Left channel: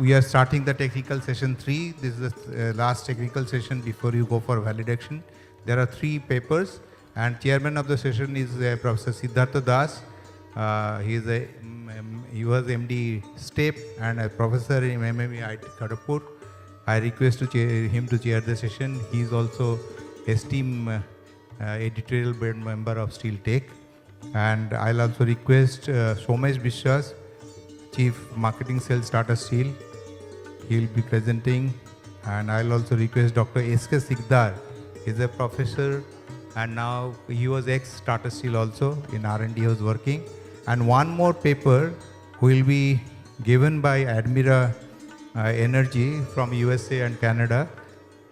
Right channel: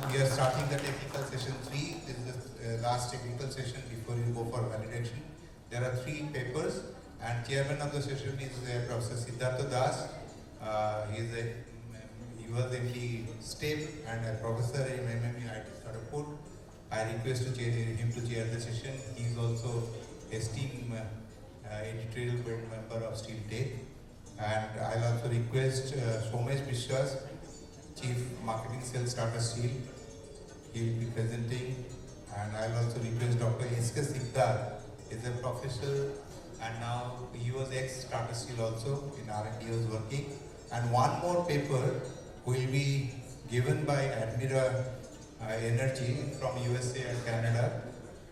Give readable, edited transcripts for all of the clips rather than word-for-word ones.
we are starting the technical session 3. This is the last technical session before you go for validation. There are 3 papers, and chairman of the session is Professor Siddhartha Das. He was MD STEP and a professor in MME Kharagpur. I request him to chair the session. He is also esteemed editorial board member of Steel Tech. And I'll also request Somesh Vishwas, Chief Marketing Sales Tata Steel. He will be presenting. And I'll also request Dr. S.K. Sikdar. He's a professor and now he was ex-Tata Steel also. In R&D he was working. And one more paper will be given by Admira Energy from USA and Canada.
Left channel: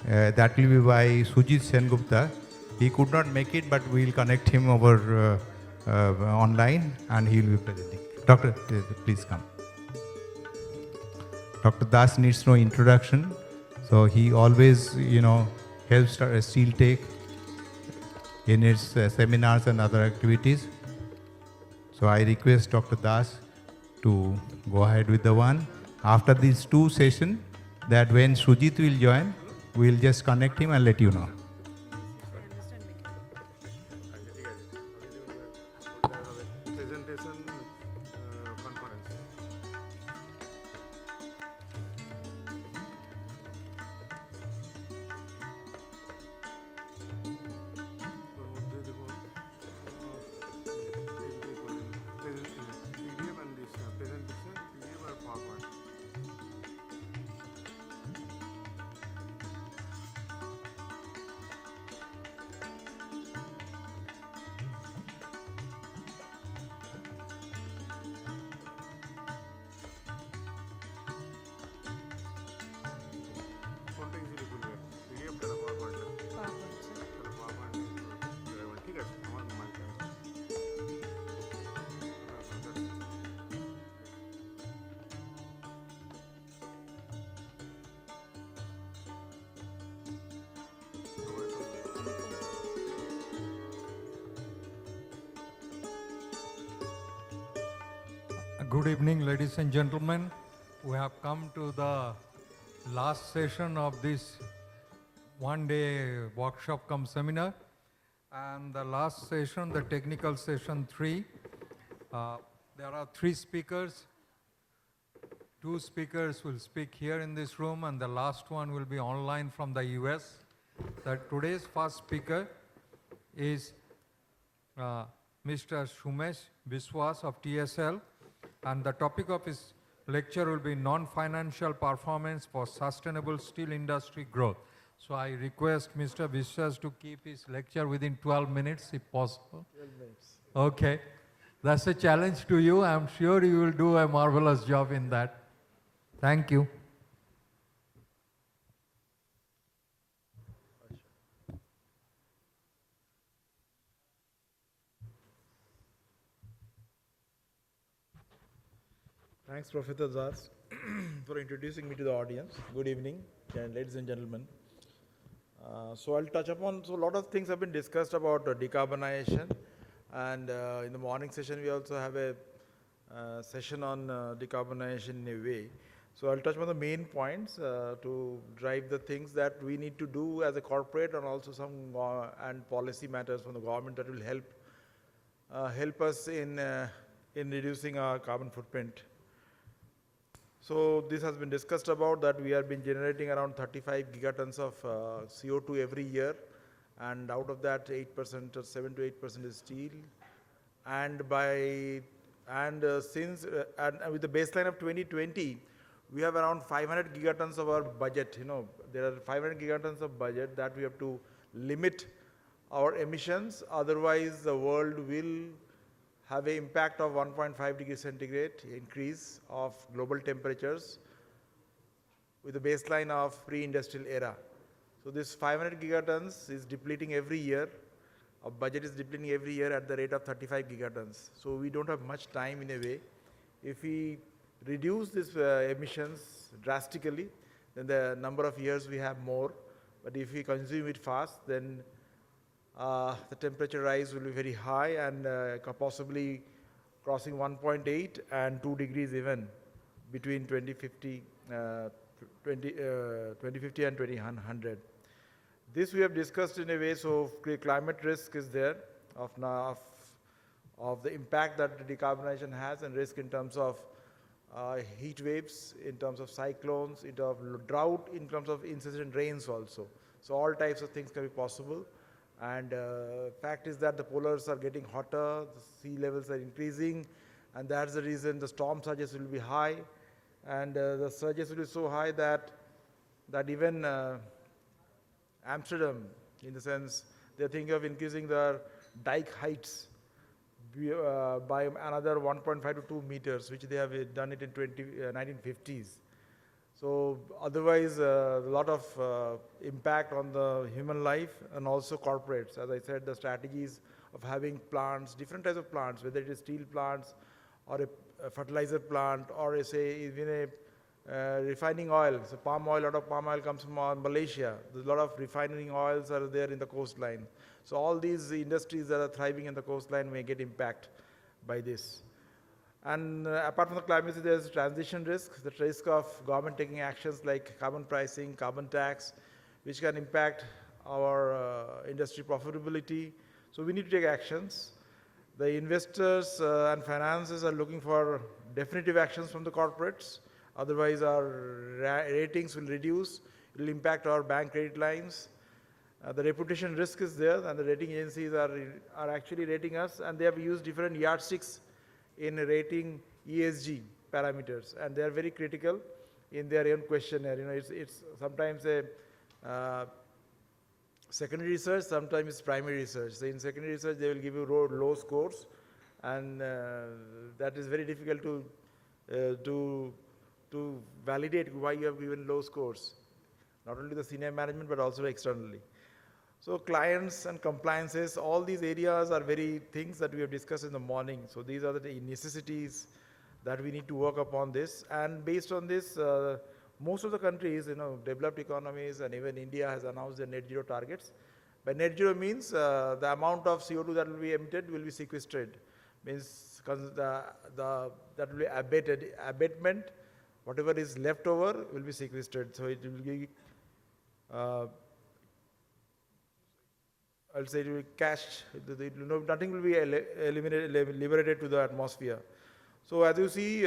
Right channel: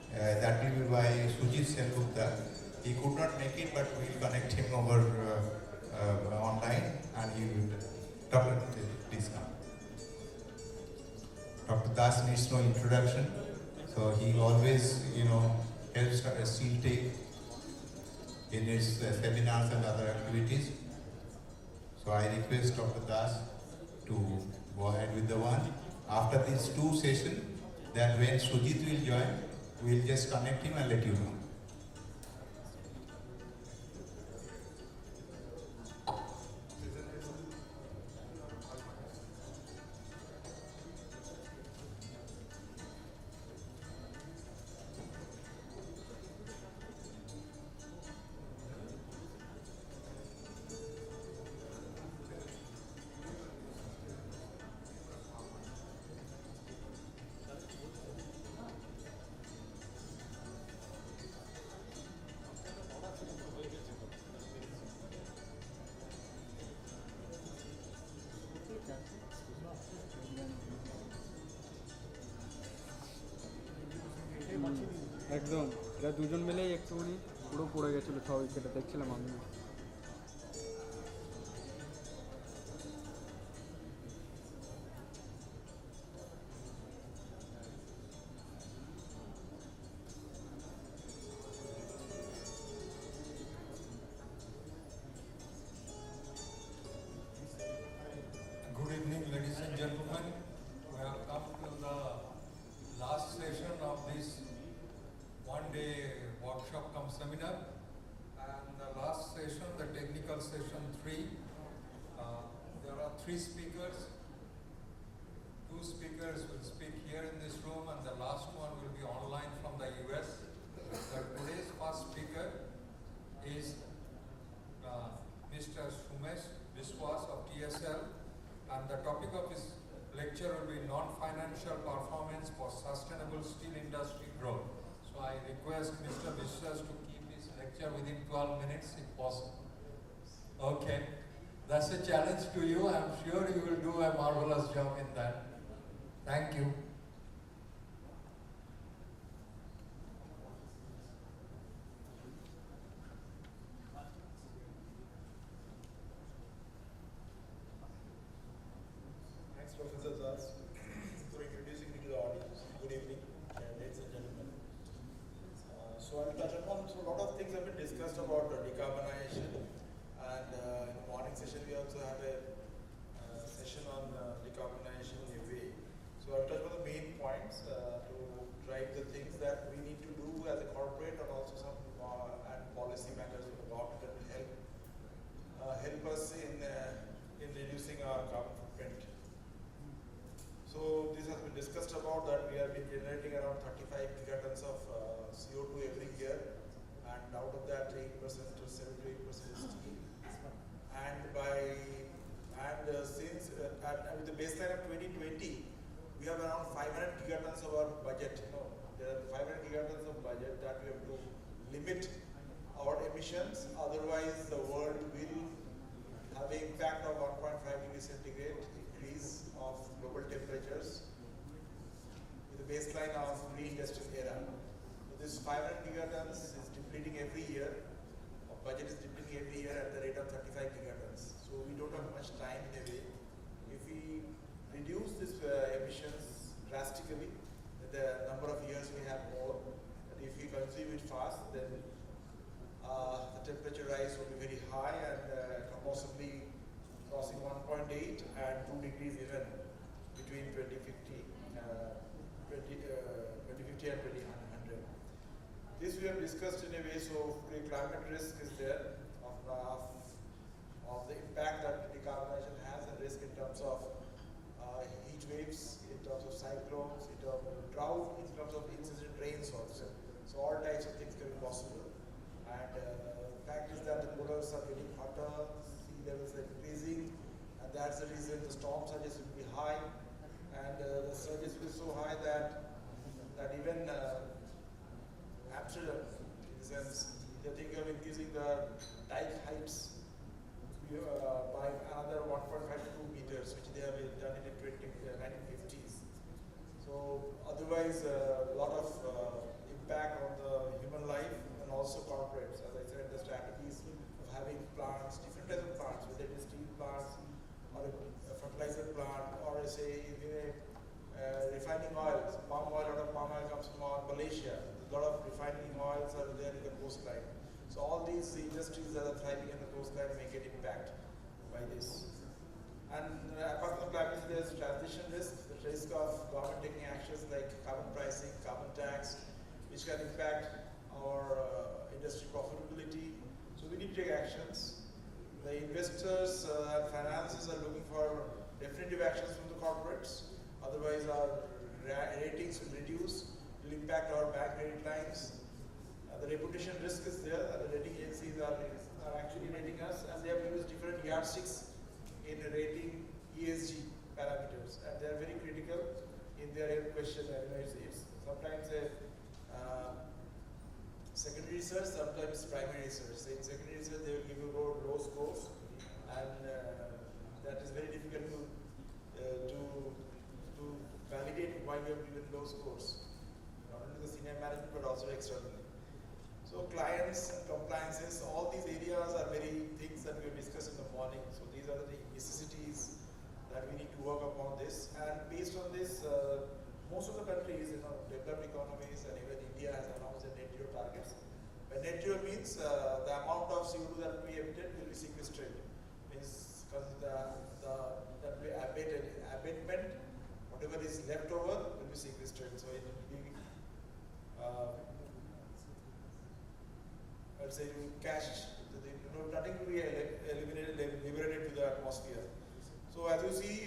That will be by Sujit Sengupta. He could not make it, but we will connect him over online and he will be presenting. Doctor, please come. Dr. Das needs no introduction. So he always, helps Steel Tech in its seminars and other activities. So I request Dr. Das to go ahead with the one. After these 2 sessions, that when Sujit will join, we'll just connect him and let you know. Good evening, ladies and gentlemen. We have come to the last session of this one-day workshop cum seminar. And the last session, the technical session 3, there are 3 speakers. 2 speakers will speak here in this room and the last one will be online from the US. Today's first speaker is Mr. Somesh Vishwas of TSL. And the topic of his lecture will be non-financial performance for sustainable steel industry growth. So I request Mr. Vishwas to keep his lecture within 12 minutes if possible. Okay, that's a challenge to you. I'm sure you will do a marvelous job in that. Thank you. Thanks, Professor Das, for introducing me to the audience. Good evening, ladies and gentlemen. So I'll touch upon, a lot of things have been discussed about decarbonization, and in the morning session we also have a session on decarbonization in a way. So I'll touch on the main points to drive the things that we need to do as a corporate, and also some and policy matters from the government that will help us in reducing our carbon footprint. So this has been discussed about that we have been generating around 35 gigatons of CO2 every year, and out of that 8% or 7 to 8% is steel. And with the baseline of 2020, we have around 500 gigatons of our budget. There are 500 gigatons of budget that we have to limit our emissions. Otherwise, the world will have an impact of 1.5 degrees centigrade increase of global temperatures with the baseline of pre-industrial era. So this 500 gigatons is depleting every year. Our budget is depleting every year at the rate of 35 gigatons. So we don't have much time in a way. If we reduce these emissions drastically, then the number of years we have more. But if we consume it fast, then the temperature rise will be very high, and possibly crossing 1.8 and 2 degrees even between 2050 2050 and 2100. This we have discussed in a way, so climate risk is there of now of the impact that decarbonization has, and risk in terms of heat waves, in terms of cyclones, in terms of drought, in terms of insufficient rains also. So all types of things can be possible. And fact is that the polars are getting hotter, sea levels are increasing, and that's the reason the storm surges will be high, and the surges will be so high that even Amsterdam, in the sense, they're thinking of increasing the dike heights by another 1.5 to 2 meters, which they have done it in 1950s. So otherwise, a lot of impact on the human life and also corporates. As I said, the strategies of having plants, different types of plants, whether it is steel plants or a fertilizer plant, or even a refining oil. So palm oil, a lot of palm oil comes from Malaysia. There's a lot of refining oils are there in the coastline. So all these industries that are thriving in the coastline may get impact by this. And apart from the climate, there's transition risk, the risk of government taking actions like carbon pricing, carbon tax, which can impact our industry profitability. So we need to take actions. The investors and finances are looking for definitive actions from the corporates. Otherwise, our ratings will reduce. It will impact our bank credit lines. The reputation risk is there, and the rating agencies are actually rating us, and they have used different yardsticks in rating ESG parameters, and they are very critical in their own questionnaire. You know, it's sometimes a secondary research, sometimes it's primary research. So in secondary research, they will give you low scores, and that is very difficult to validate why you have given low scores, not only the senior management but also externally. So clients and compliances, all these areas are very things that we have discussed in the morning. So these are the necessities that we need to work upon this. And based on this, most of the countries, developed economies, and even India has announced their net zero targets. By net zero means the amount of CO2 that will be emitted will be sequestered. Means that will be abatement, whatever is left over will be sequestered. So it will be I'll say it will be cashed. Nothing will be liberated to the atmosphere. So as you see,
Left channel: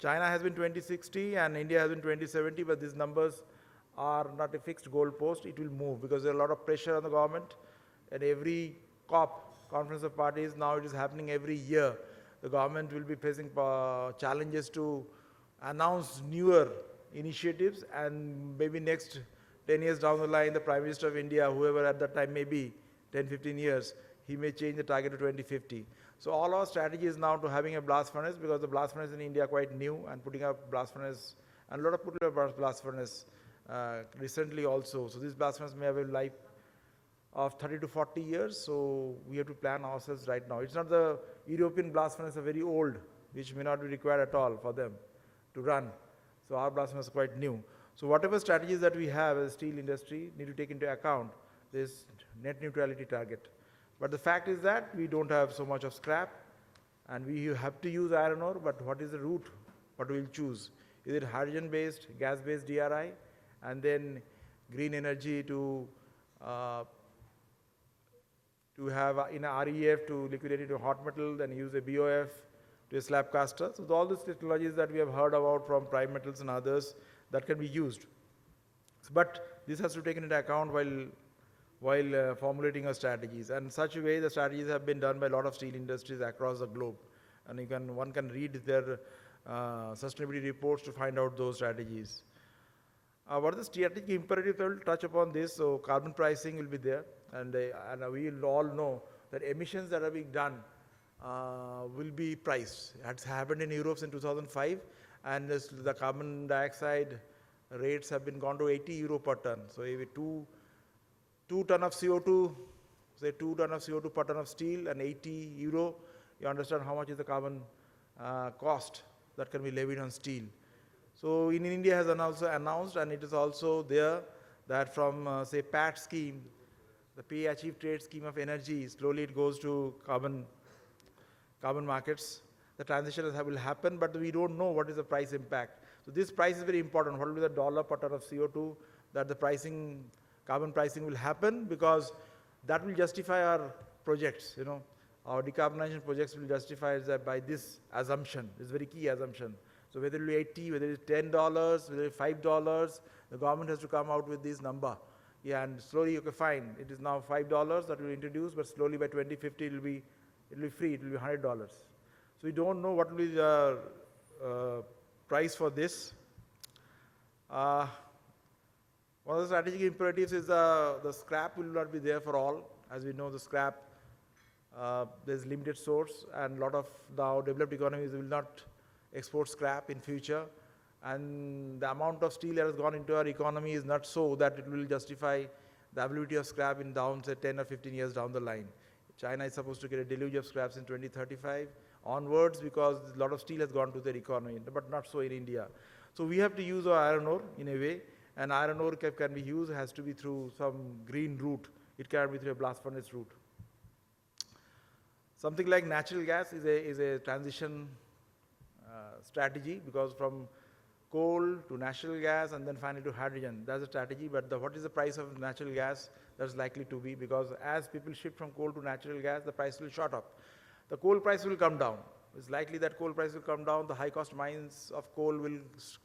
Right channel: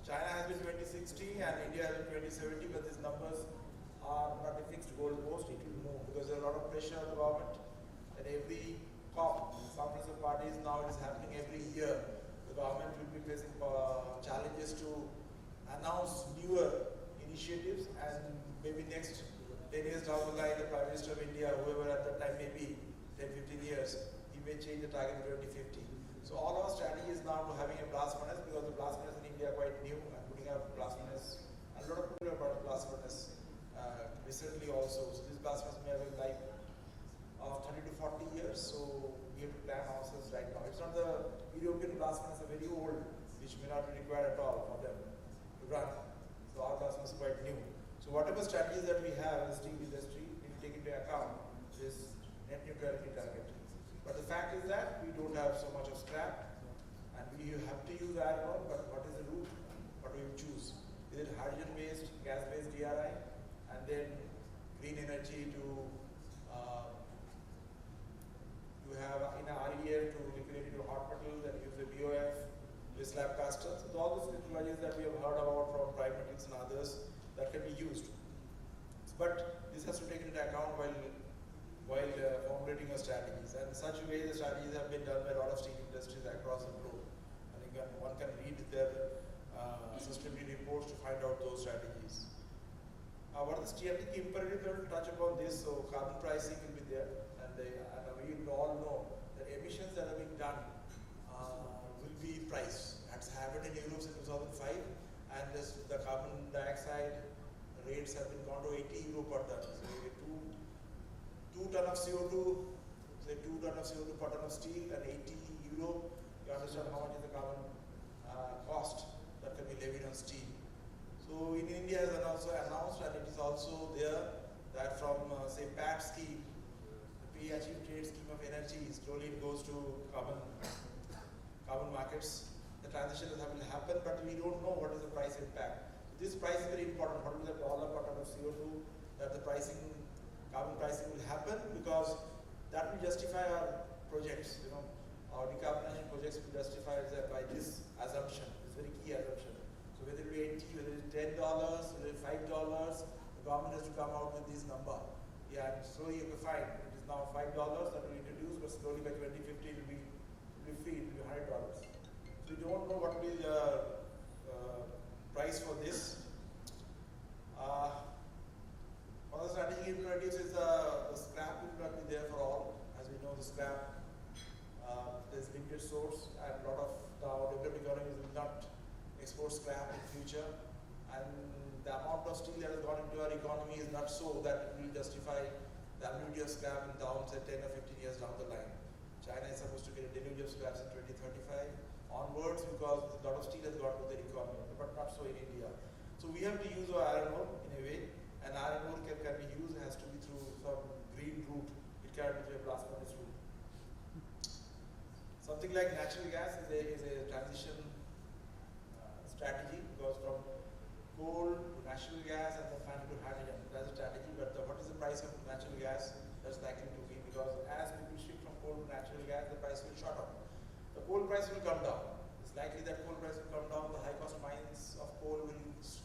China has been 2060 and India has been 2070, but these numbers are not a fixed goal post. It will move because there's a lot of pressure on the government. At every COP, Conference of Parties, now it is happening every year. The government will be facing challenges to announce newer initiatives, and maybe next 10 years down the line, the Prime Minister of India, whoever at that time may be, 10, 15 years, he may change the target to 2050. So all our strategy is now to having a blast furnace, because the blast furnace in India are quite new, and putting up blast furnace, and a lot of people have blast furnace recently also. So this blast furnace may have a life of 30 to 40 years, so we have to plan ourselves right now. It's not the European blast furnace are very old, which may not be required at all for them to run. So our blast furnace is quite new. So whatever strategies that we have as steel industry need to take into account this net neutrality target. But the fact is that we don't have so much of scrap, and we have to use iron ore, but what is the route? What we will choose? Is it hydrogen-based, gas-based DRI, and then green energy to have in a REF to liquidate it to hot metal, then use a BOF to a slab caster. So all these technologies that we have heard about from Prime Metals and others that can be used. But this has to take into account while formulating our strategies. And in such a way, the strategies have been done by a lot of steel industries across the globe. And one can read their sustainability reports to find out those strategies. What are the strategic imperatives? I will touch upon this. So carbon pricing will be there, and we all know that emissions that are being done will be priced. That's happened in Europe in 2005, and the carbon dioxide rates have been gone to 80 euro per ton. So if 2 ton of CO2, say 2 ton of CO2 per ton of steel, and 80 euro, you understand how much is the carbon cost that can be levied on steel. So in India has also announced, and it is also there, that from say PAT scheme, the pay achieved trade scheme of energy, slowly it goes to carbon markets. The transition will happen, but we don't know what is the price impact. So this price is very important. What will be the dollar per ton of CO2 that the pricing, carbon pricing will happen, because that will justify our projects, you know. Our decarbonization projects will justify that by this assumption. It's a very key assumption. So whether it be 80, whether it is $10, whether it is $5, the government has to come out with this number. Yeah, and slowly, okay, fine, it is now $5 that we introduce, but slowly by 2050 it will be free, it will be $100. So we don't know what will be the price for this. One of the strategic imperatives is the scrap will not be there for all. As we know, the scrap, there's limited source, and a lot of now developed economies will not export scrap in future. And the amount of steel that has gone into our economy is not so that it will justify the availability of scrap in down, say, 10 or 15 years down the line. China is supposed to get a deluge of scraps in 2035 onwards, because a lot of steel has gone to their economy, but not so in India. So we have to use our iron ore in a way, and iron ore can be used, has to be through some green route. It cannot be through a blast furnace route. Something like natural gas is a transition strategy, because from coal to natural gas and then finally to hydrogen. That's a strategy, but what is the price of natural gas? That's likely to be, because as people shift from coal to natural gas, the price will shot up. The coal price will come down. It's likely that coal price will come down. The high cost mines of coal will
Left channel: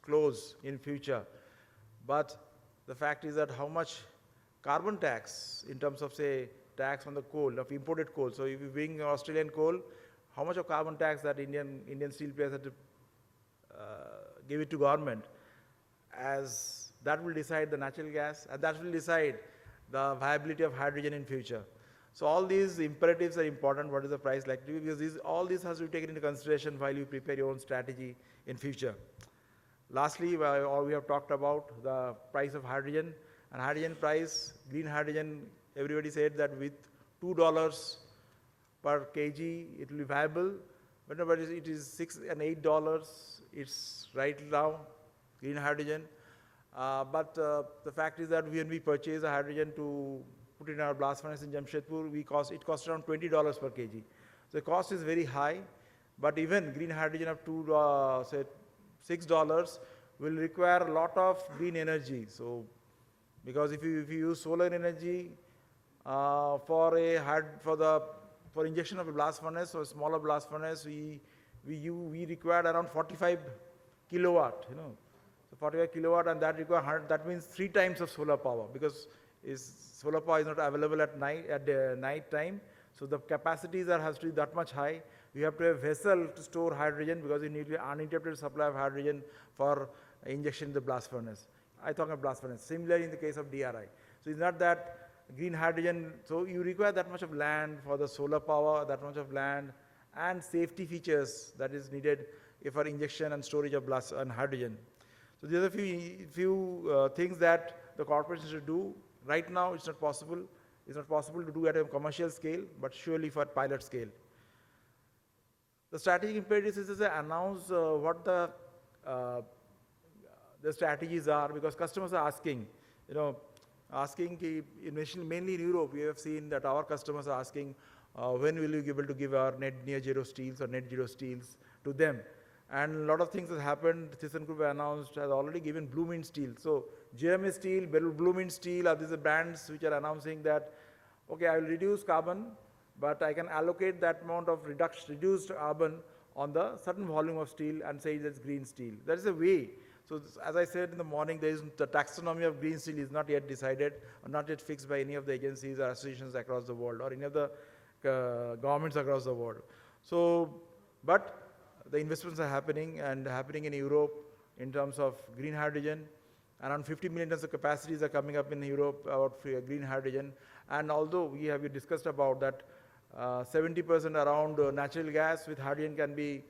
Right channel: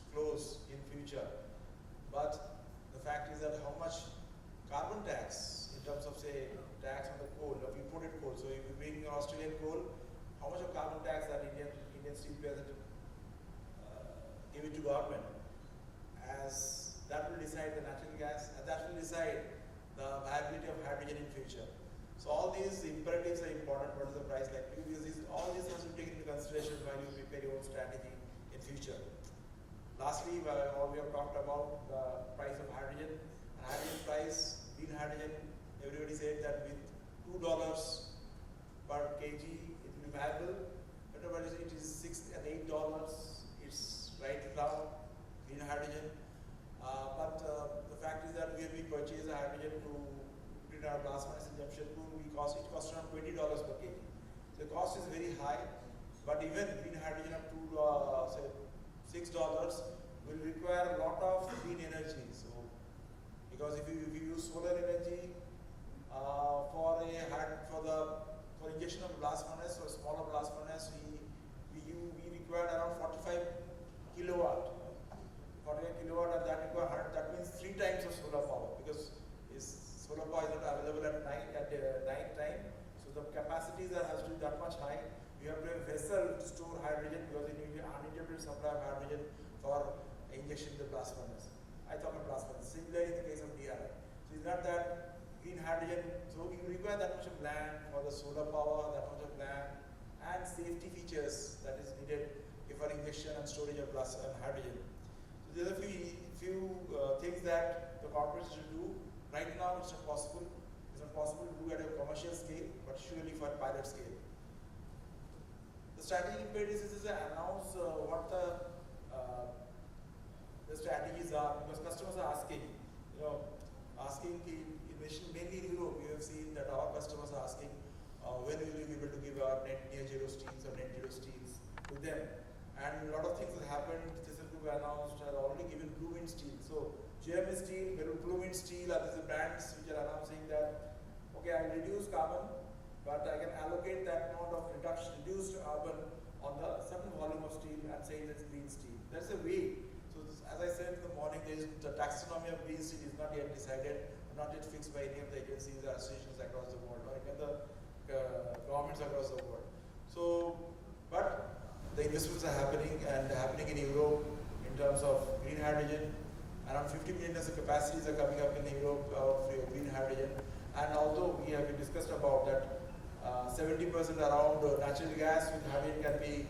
close in future. But the fact is that how much carbon tax in terms of, say, tax on the coal, of imported coal. So if you bring Australian coal, how much of carbon tax that Indian steel players have to give it to government, as that will decide the natural gas, and that will decide the viability of hydrogen in future. So all these imperatives are important. What is the price like to be? Because all this has to be taken into consideration while you prepare your own strategy in future. Lastly, we have talked about the price of hydrogen, and hydrogen price, green hydrogen, everybody said that with $2 per kg it will be viable, but it is $6 and $8, it's right now, green hydrogen. But the fact is that when we purchase the hydrogen to put in our blast furnace in Jamshedpur, it costs around $20 per kg. So the cost is very high, but even green hydrogen of say $6 will require a lot of green energy. So because if you use solar energy for injection of a blast furnace, or a smaller blast furnace, we required around 45 kilowatt, 45 kilowatt, and that require 100, that means 3 times of solar power, because solar power is not available at night time. So the capacities has to be that much high. We have to have a vessel to store hydrogen, because you need an uninterrupted supply of hydrogen for injection in the blast furnace. I talk about blast furnace. Similarly in the case of DRI. So it's not that green hydrogen, so you require that much of land for the solar power, that much of land, and safety features that is needed for injection and storage of blast and hydrogen. So there are a few things that the corporations should do. Right now it's not possible. It's not possible to do at a commercial scale, but surely for pilot scale. The strategic imperatives is to announce what the strategies are, because customers are asking, mainly in Europe, we have seen that our customers are asking, when will you be able to give our near zero steels or net zero steels to them? And a lot of things have happened. ThyssenKrupp announced, has already given Blue Mint Steel. So GMS Steel, Blue Mint Steel are these brands which are announcing that, okay, I will reduce carbon, but I can allocate that amount of reduced carbon on the certain volume of steel and say that's green steel. That is a way. So as I said in the morning, the taxonomy of green steel is not yet decided, or not yet fixed by any of the agencies or associations across the world, or any of the governments across the world. So, but the investments are happening in Europe in terms of green hydrogen. Around 50 million tons of capacities are coming up in Europe of green hydrogen. And although we have discussed about that, 70% around natural gas with hydrogen can be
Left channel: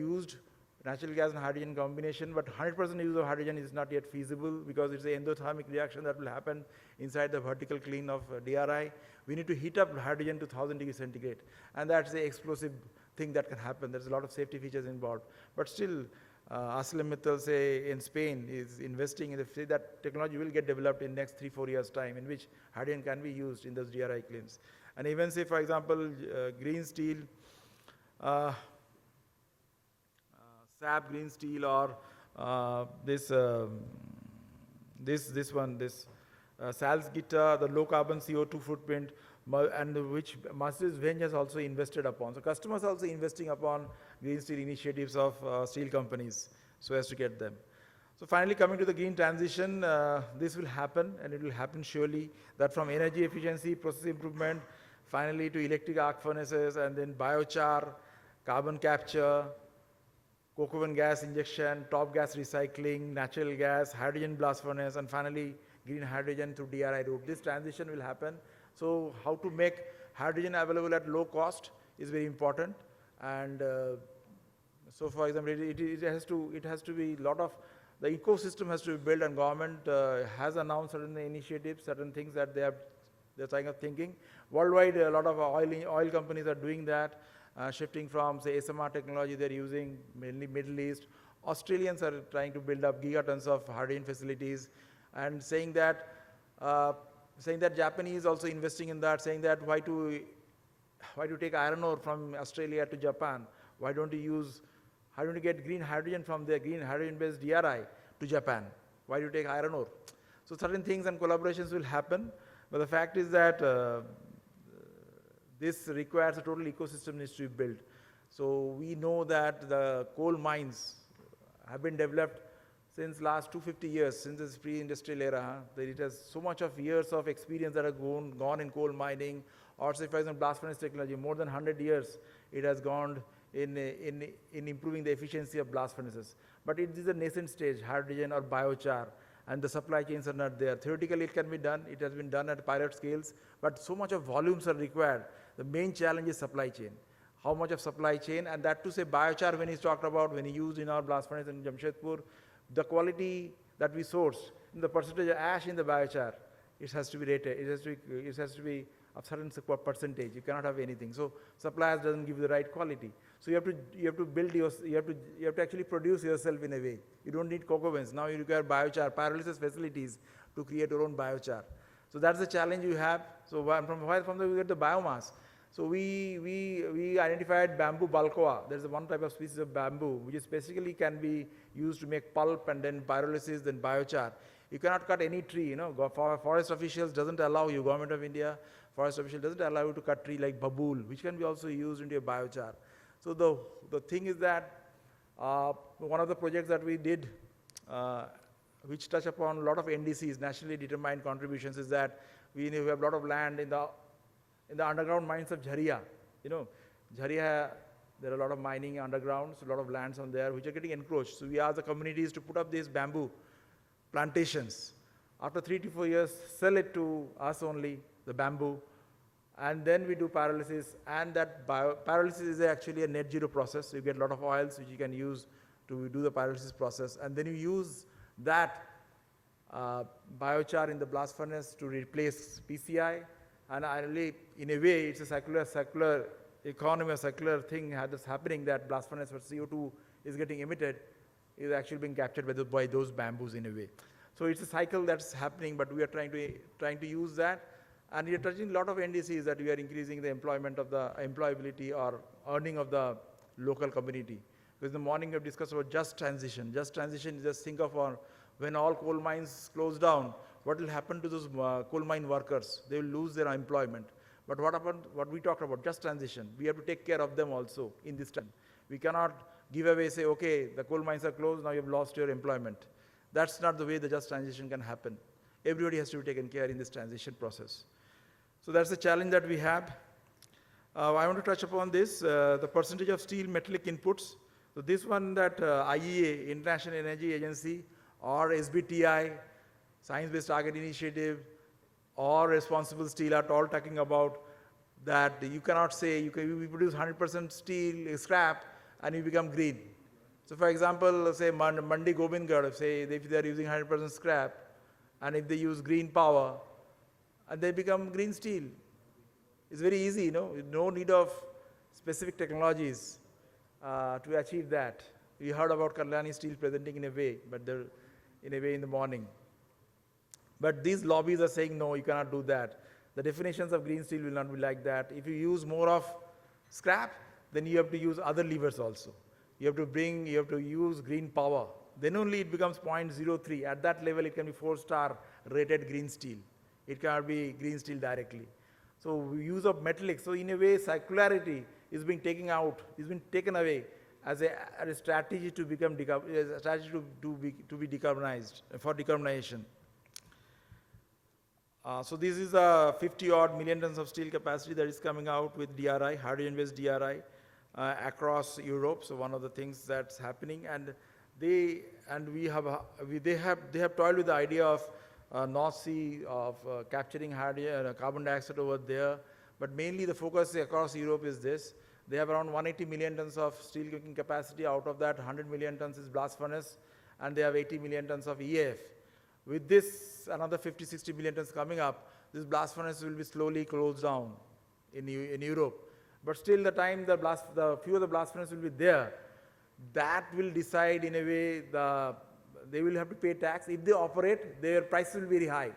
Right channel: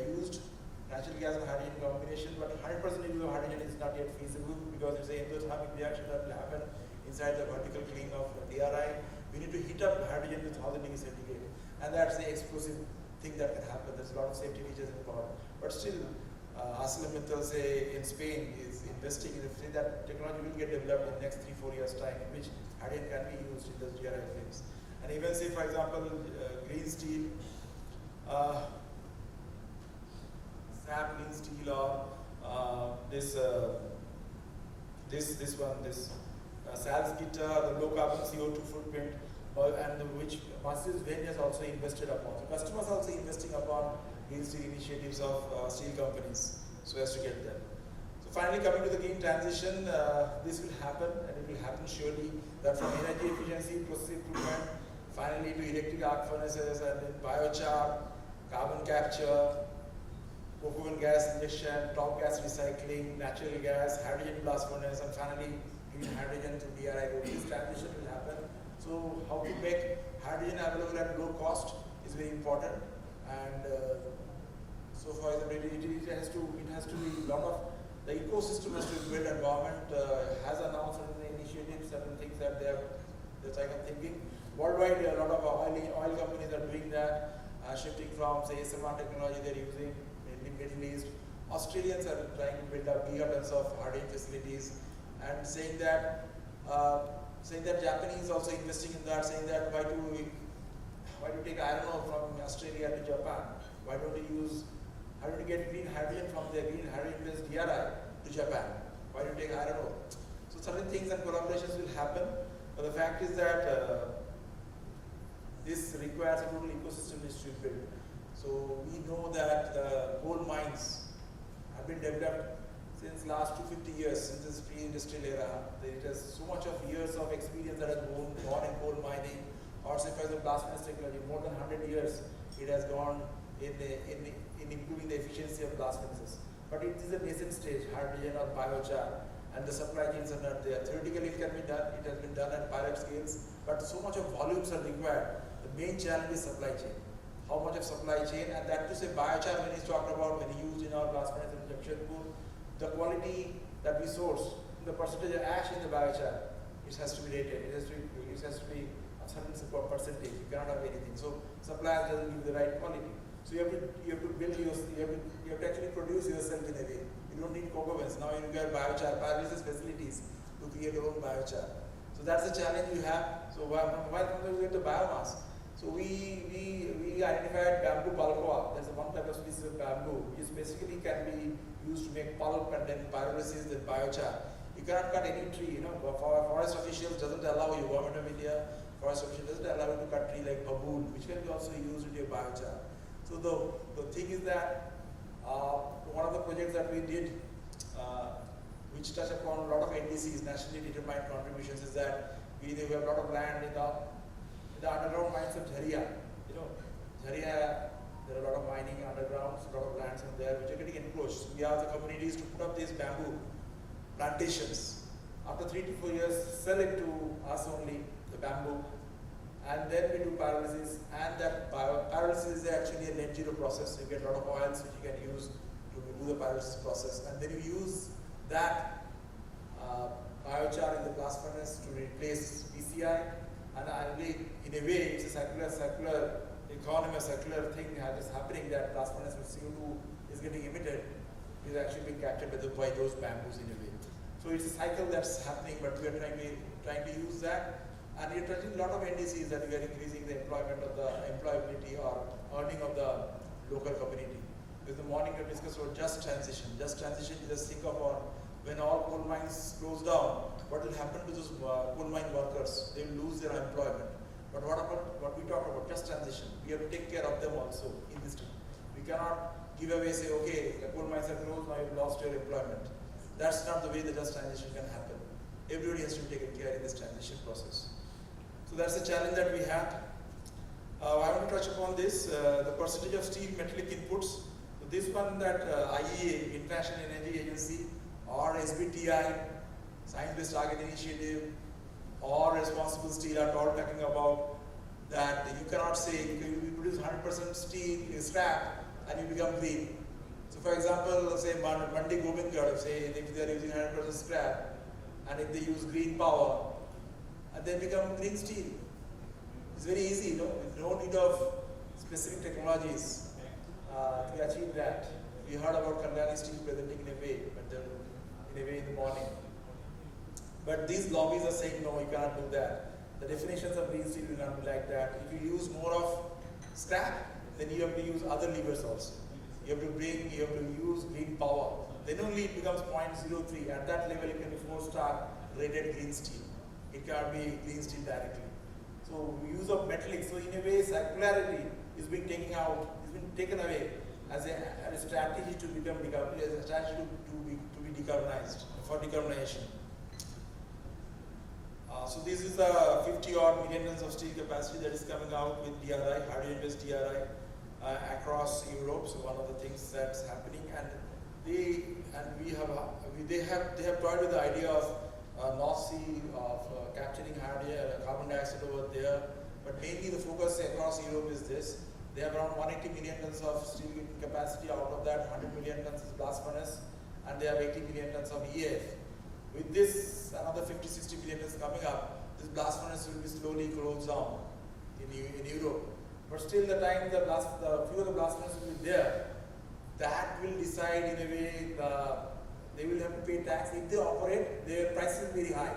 used, natural gas and hydrogen combination, but 100% use of hydrogen is not yet feasible, because it's an endothermic reaction that will happen inside the vertical kiln of DRI. We need to heat up hydrogen to 1000 degrees centigrade, and that's an explosive thing that can happen. There's a lot of safety features involved. But still, ArcelorMittal, say, in Spain is investing in it. That technology will get developed in the next 3-4 years' time, in which hydrogen can be used in those DRI kilns. And even say, for example, green steel, SAP green steel, or this this one, this Salzgitter, the low carbon CO2 footprint, and which Mercedes-Benz has also invested upon. So customers are also investing upon green steel initiatives of steel companies so as to get there. So finally, coming to the green transition, this will happen, and it will happen surely, that from energy efficiency, process improvement, finally to electric arc furnaces, and then biochar, carbon capture, coke oven gas injection, top gas recycling, natural gas, hydrogen blast furnace, and finally green hydrogen through DRI route. This transition will happen. So how to make hydrogen available at low cost is very important. And so for example, it has to be lot of, the ecosystem has to be built, and government has announced certain initiatives, certain things that they're kind of thinking. Worldwide, a lot of oil companies are doing that. Shifting from, say, SMR technology they're using, mainly Middle East. Australians are trying to build up gigatons of hydrogen facilities, and saying that Japanese also investing in that, saying that why do you take iron ore from Australia to Japan? Why don't you get green hydrogen from the green hydrogen-based DRI to Japan? Why do you take iron ore? So certain things and collaborations will happen, but the fact is that this requires a total ecosystem needs to be built. So we know that the coal mines have been developed since last 250 years, since this pre-industrial era. There is so much of years of experience that has gone in coal mining, or say for example blast furnace technology, more than 100 years it has gone in improving the efficiency of blast furnaces. But it is a nascent stage, hydrogen or biochar, and the supply chains are not there. Theoretically it can be done, it has been done at pilot scales, but so much of volumes are required. The main challenge is supply chain. How much of supply chain, and that to say biochar, when he's talked about, when he used in our blast furnace in Jamshedpur, the quality that we source, the percentage of ash in the biochar, it has to be rated, it has to be a certain percentage, you cannot have anything. So suppliers doesn't give the right quality. So you have to build you have to actually produce yourself in a way. You don't need coke ovens. Now you require biochar, pyrolysis facilities to create your own biochar. So that's the challenge you have. So from there we get the biomass. So we identified bamboo balcoa. There's one type of species of bamboo which is basically can be used to make pulp, and then pyrolysis, then biochar. You cannot cut any tree, you know. Forest officials doesn't allow you, Government of India, forest official doesn't allow you to cut tree like babool, which can be also used into your biochar. So the thing is that one of the projects that we did, which touch upon a lot of NDCs, nationally determined contributions, is that we have a lot of land in the underground mines of Jharia. You know, Jharia, there are a lot of mining underground, a lot of lands from there which are getting encroached. So we ask the communities to put up these bamboo plantations. After 3 to 4 years, sell it to us only, the bamboo, and then we do pyrolysis. And that pyrolysis is actually a net zero process. You get a lot of oils which you can use to do the pyrolysis process, and then you use that biochar in the blast furnace to replace PCI. And ideally, in a way, it's a circular economy, a circular thing that is happening, that blast furnace where CO2 is getting emitted is actually being captured by those bamboos in a way. So it's a cycle that's happening, but we are trying to use that, and we are touching a lot of NDCs, that we are increasing the employment of the employability or earning of the local community. So in the morning we have discussed about just transition. Just transition, just think of when all coal mines close down, what will happen to those coal mine workers? They will lose their employment. But what we talked about, just transition, we have to take care of them also in this time. We cannot give away, say, okay, the coal mines are closed, now you've lost your employment. That's not the way the just transition can happen. Everybody has to be taken care in this transition process. So that's the challenge that we have. I want to touch upon this, the percentage of steel metallic inputs. So this one that IEA, International Energy Agency, or SBTI, Science Based Target Initiative, or Responsible Steel are all talking about that you cannot say we produce 100% steel scrap and you become green. So for example, say Mandi Govindgarh, say if they are using 100% scrap, and if they use green power, and they become green steel. It's very easy, no need of specific technologies to achieve that. We heard about Kalyani Steel presenting in a way, but they're in a way in the morning. But these lobbies are saying, no, you cannot do that. The definitions of green steel will not be like that. If you use more of scrap, then you have to use other levers also. You have to use green power. then only it becomes 0.03. At that level, it can be 4-star rated green steel. It cannot be green steel directly. So use of metallic. So in a way, circularity is being taken out, is being taken away as a strategy to become to be decarbonized for decarbonization. So this is a 50-odd million tons of steel capacity that is coming out with DRI, hydrogen-based DRI, across Europe. So one of the things that's happening, and they have toyed with the idea of North Sea of capturing carbon dioxide over there, but mainly the focus across Europe is this. They have around 180 million tons of steel making capacity. Out of that, 100 million tons is blast furnace, and they have 80 million tons of EAF. With this, another 50-60 million tons coming up, this blast furnace will be slowly closed down in Europe. But still, the time the few of the blast furnaces will be there, that will decide in a way they will have to pay tax. If they operate, their price will be very high.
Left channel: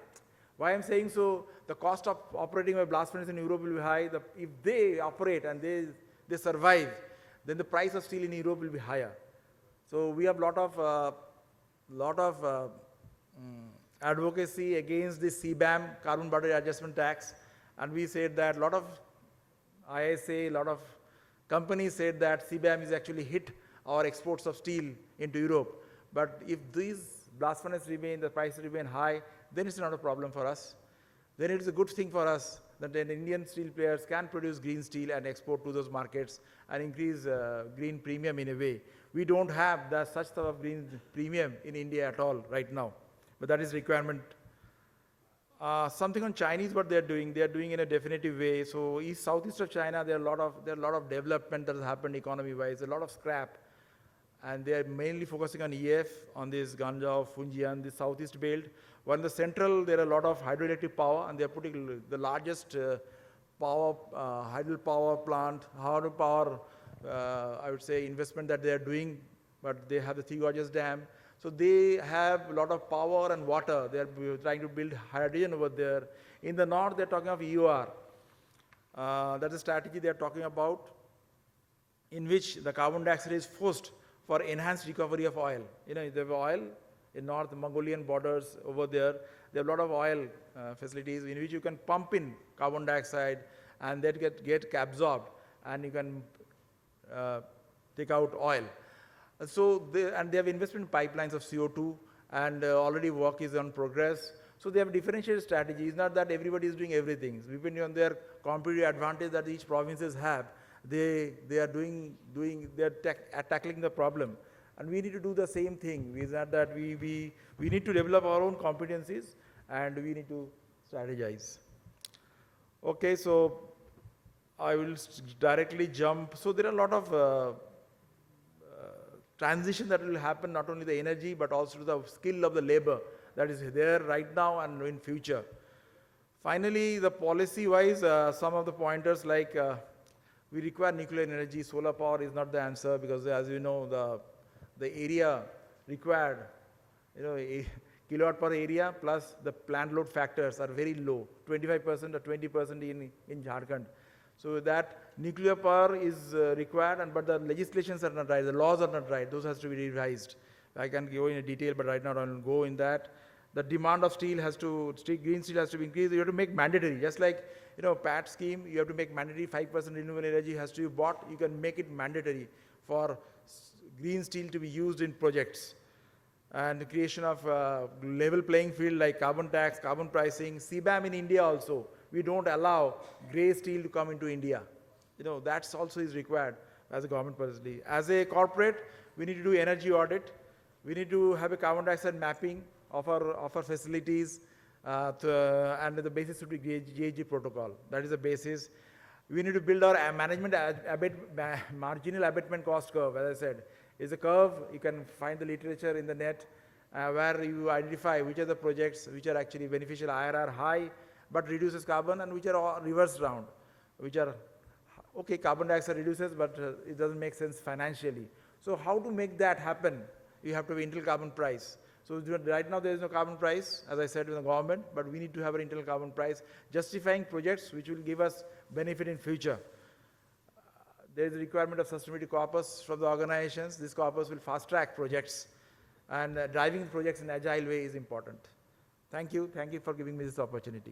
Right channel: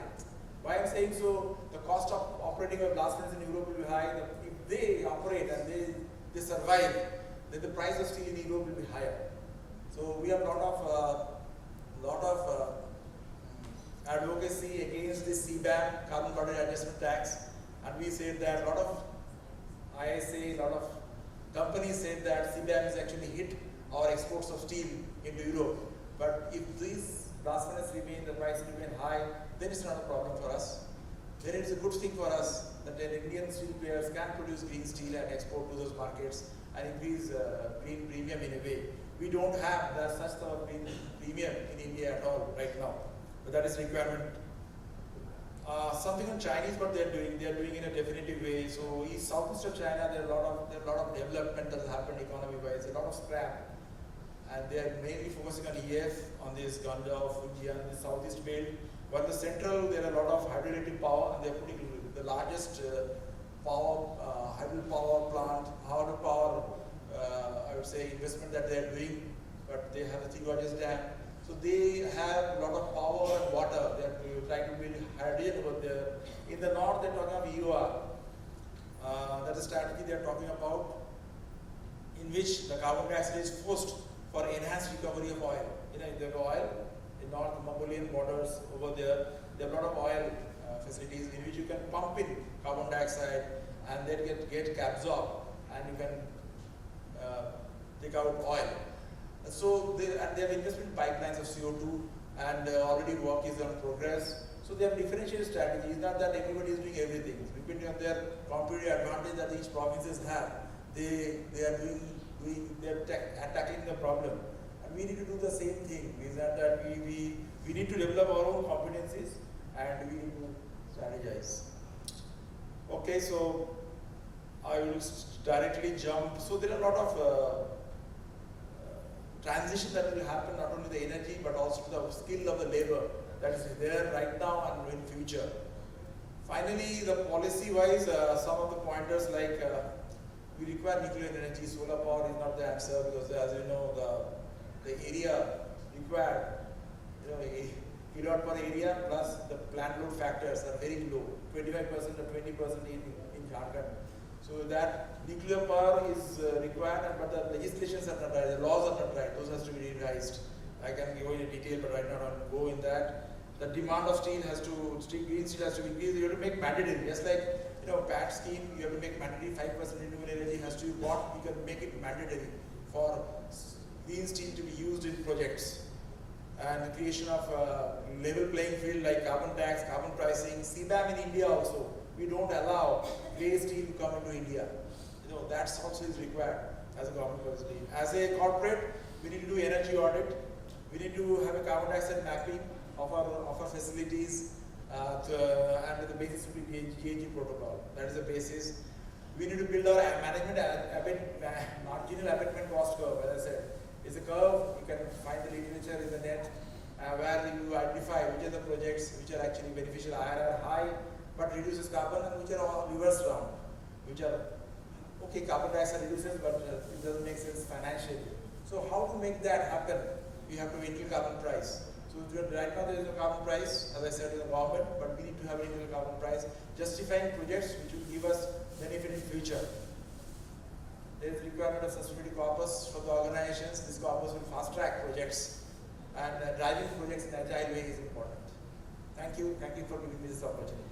Why I'm saying so? The cost of operating a blast furnace in Europe will be high. If they operate and they survive, then the price of steel in Europe will be higher. So we have lot of advocacy against the CBAM, carbon border adjustment tax, and we said that lot of ISA, lot of companies said that CBAM is actually hit our exports of steel into Europe. But if these blast furnaces remain, the price remain high, then it's not a problem for us. Then it's a good thing for us that the Indian steel players can produce green steel and export to those markets and increase green premium in a way. We don't have such sort of green premium in India at all right now, but that is requirement. Something on Chinese, what they are doing in a definitive way. So southeast of China, there are a lot of development that has happened economy-wise, a lot of scrap, and they are mainly focusing on EF, on this Ganzhou, Fujian, the southeast belt. While the central, there are a lot of hydroelectric power, and they are putting the largest hydropower plant, hydropower, I would say, investment that they are doing. But they have the Three Gorges Dam. So they have a lot of power and water. They are trying to build hydrogen over there. In the north, they are talking of EOR. That's a strategy they are talking about, in which the carbon dioxide is forced for enhanced recovery of oil. You know, there is oil in North Mongolian borders over there. There are a lot of oil facilities in which you can pump in carbon dioxide and then get absorbed, and you can take out oil. So they have investment pipelines of CO2, and already work is on progress. So they have differentiated strategies. Not that everybody is doing everything. Depending on their competitive advantage that each provinces have, they are tackling the problem. And we need to do the same thing. Means that we need to develop our own competencies, and we need to strategize. Okay, so I will directly jump. So there are a lot of transition that will happen, not only the energy but also the skill of the labor that is there right now and in future. Finally, the policy wise, some of the pointers like we require nuclear energy. Solar power is not the answer, because as you know, the area required, kilowatt per area plus the plant load factors are very low, 25% or 20% in Jharkhand. So that nuclear power is required, but the legislations are not right, the laws are not right, those have to be revised. I can go in detail, but right now I will go in that. The demand of steel green steel has to increase. You have to make mandatory, just like PAT scheme, you have to make mandatory 5% renewable energy has to be bought. You can make it mandatory for green steel to be used in projects. And the creation of level playing field like carbon tax, carbon pricing, CBAM in India also. We don't allow grey steel to come into India. That's also is required as a government policy. As a corporate, we need to do energy audit. We need to have a carbon dioxide mapping of our facilities, and the basis should be GHG protocol. That is the basis. We need to build our management marginal abatement cost curve. As I said, is a curve. You can find the literature in the net where you identify which are the projects which are actually beneficial, IRR high but reduces carbon, and which are all reverse round, which are okay, carbon dioxide reduces, but it doesn't make sense financially. So how to make that happen? You have to have internal carbon price. So right now there is no carbon price, as I said, in the government, but we need to have an internal carbon price justifying projects which will give us benefit in future. There is a requirement of sustainability corpus from the organizations. This corpus will fast track projects and driving projects in agile way is important. Thank you for giving me this opportunity.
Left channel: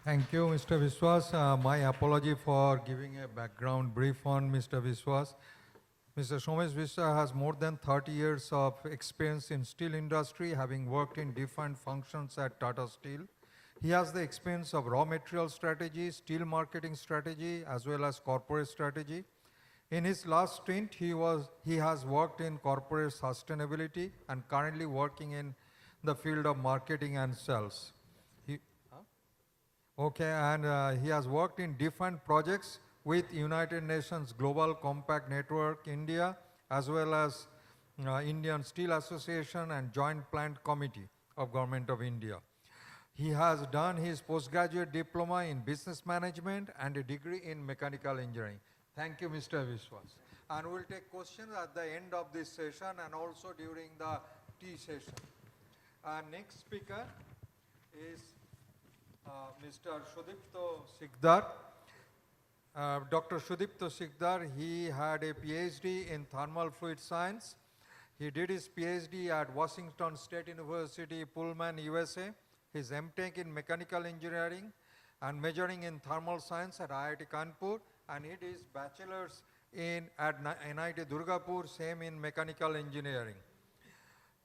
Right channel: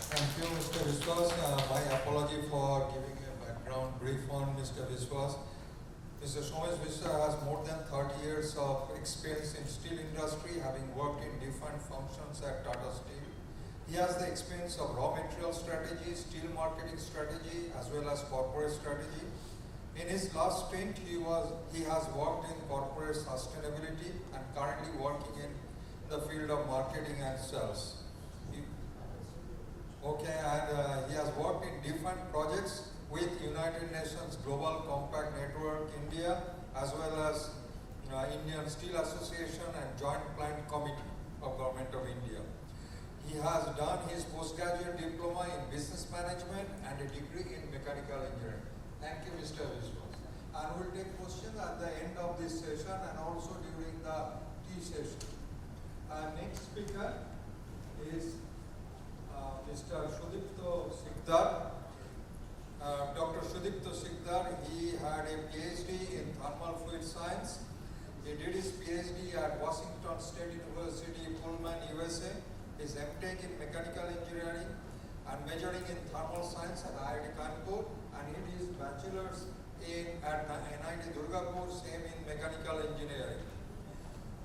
Thank you, Mr. Viswas. My apology for giving a background brief on Mr. Viswas. Mr. Somesh Vishwa has more than 30 years of experience in steel industry, having worked in different functions at Tata Steel. He has the experience of raw material strategy, steel marketing strategy, as well as corporate strategy. In his last stint, he has worked in corporate sustainability and currently working in the field of marketing and sales. He has worked in different projects with United Nations Global Compact Network India, as well as Indian Steel Association and Joint Plant Committee of Government of India. He has done his postgraduate diploma in business management and a degree in mechanical engineering. Thank you, Mr. Vishwas. And we'll take questions at the end of this session and also during the tea session. Next speaker is Mr. Sudipto Sikdar. Dr. Sudipto Sikdar, he had a PhD in thermal fluid science. He did his PhD at Washington State University, Pullman, USA. His MTech in mechanical engineering and majoring in thermal science at IIT Kanpur, and he did his bachelor's at NIT Durgapur, same in mechanical engineering.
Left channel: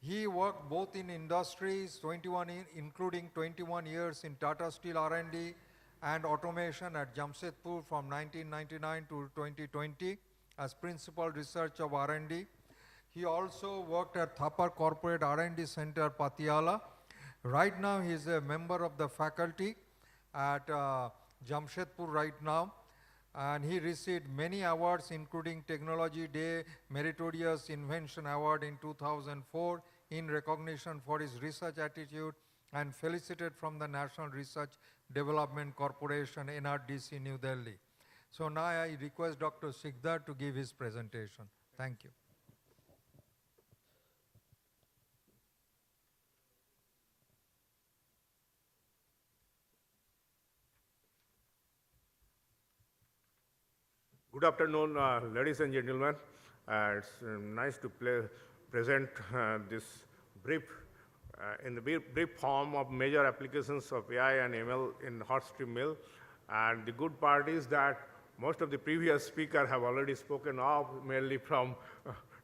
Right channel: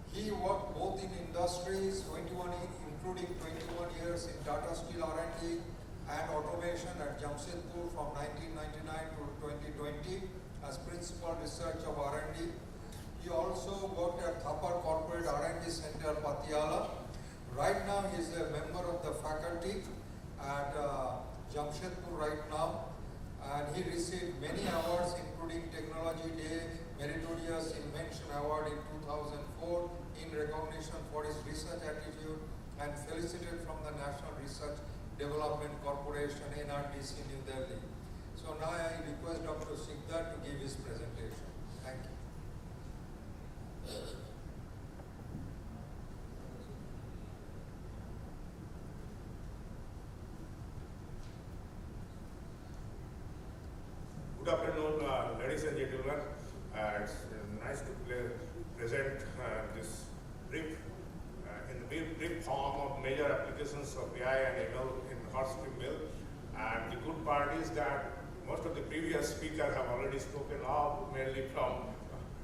He worked both in industries, including 21 years in Tata Steel R&D and automation at Jamshedpur from 1999 to 2020 as principal research of R&D. He also worked at Thapar Corporate R&D Center, Patiala. Right now, he is a member of the faculty at Jamshedpur right now, and he received many awards, including Technology Day Meritorious Invention Award in 2004 in recognition for his research attitude, and felicitated from the National Research Development Corporation, NRDC, New Delhi. So now I request Dr. Sikdar to give his presentation. Thank you. Good afternoon, ladies and gentlemen. It's nice to present this brief in the brief form of major applications of AI and ML in hot strip mill. And the good part is that most of the previous speakers have already spoken of, mainly from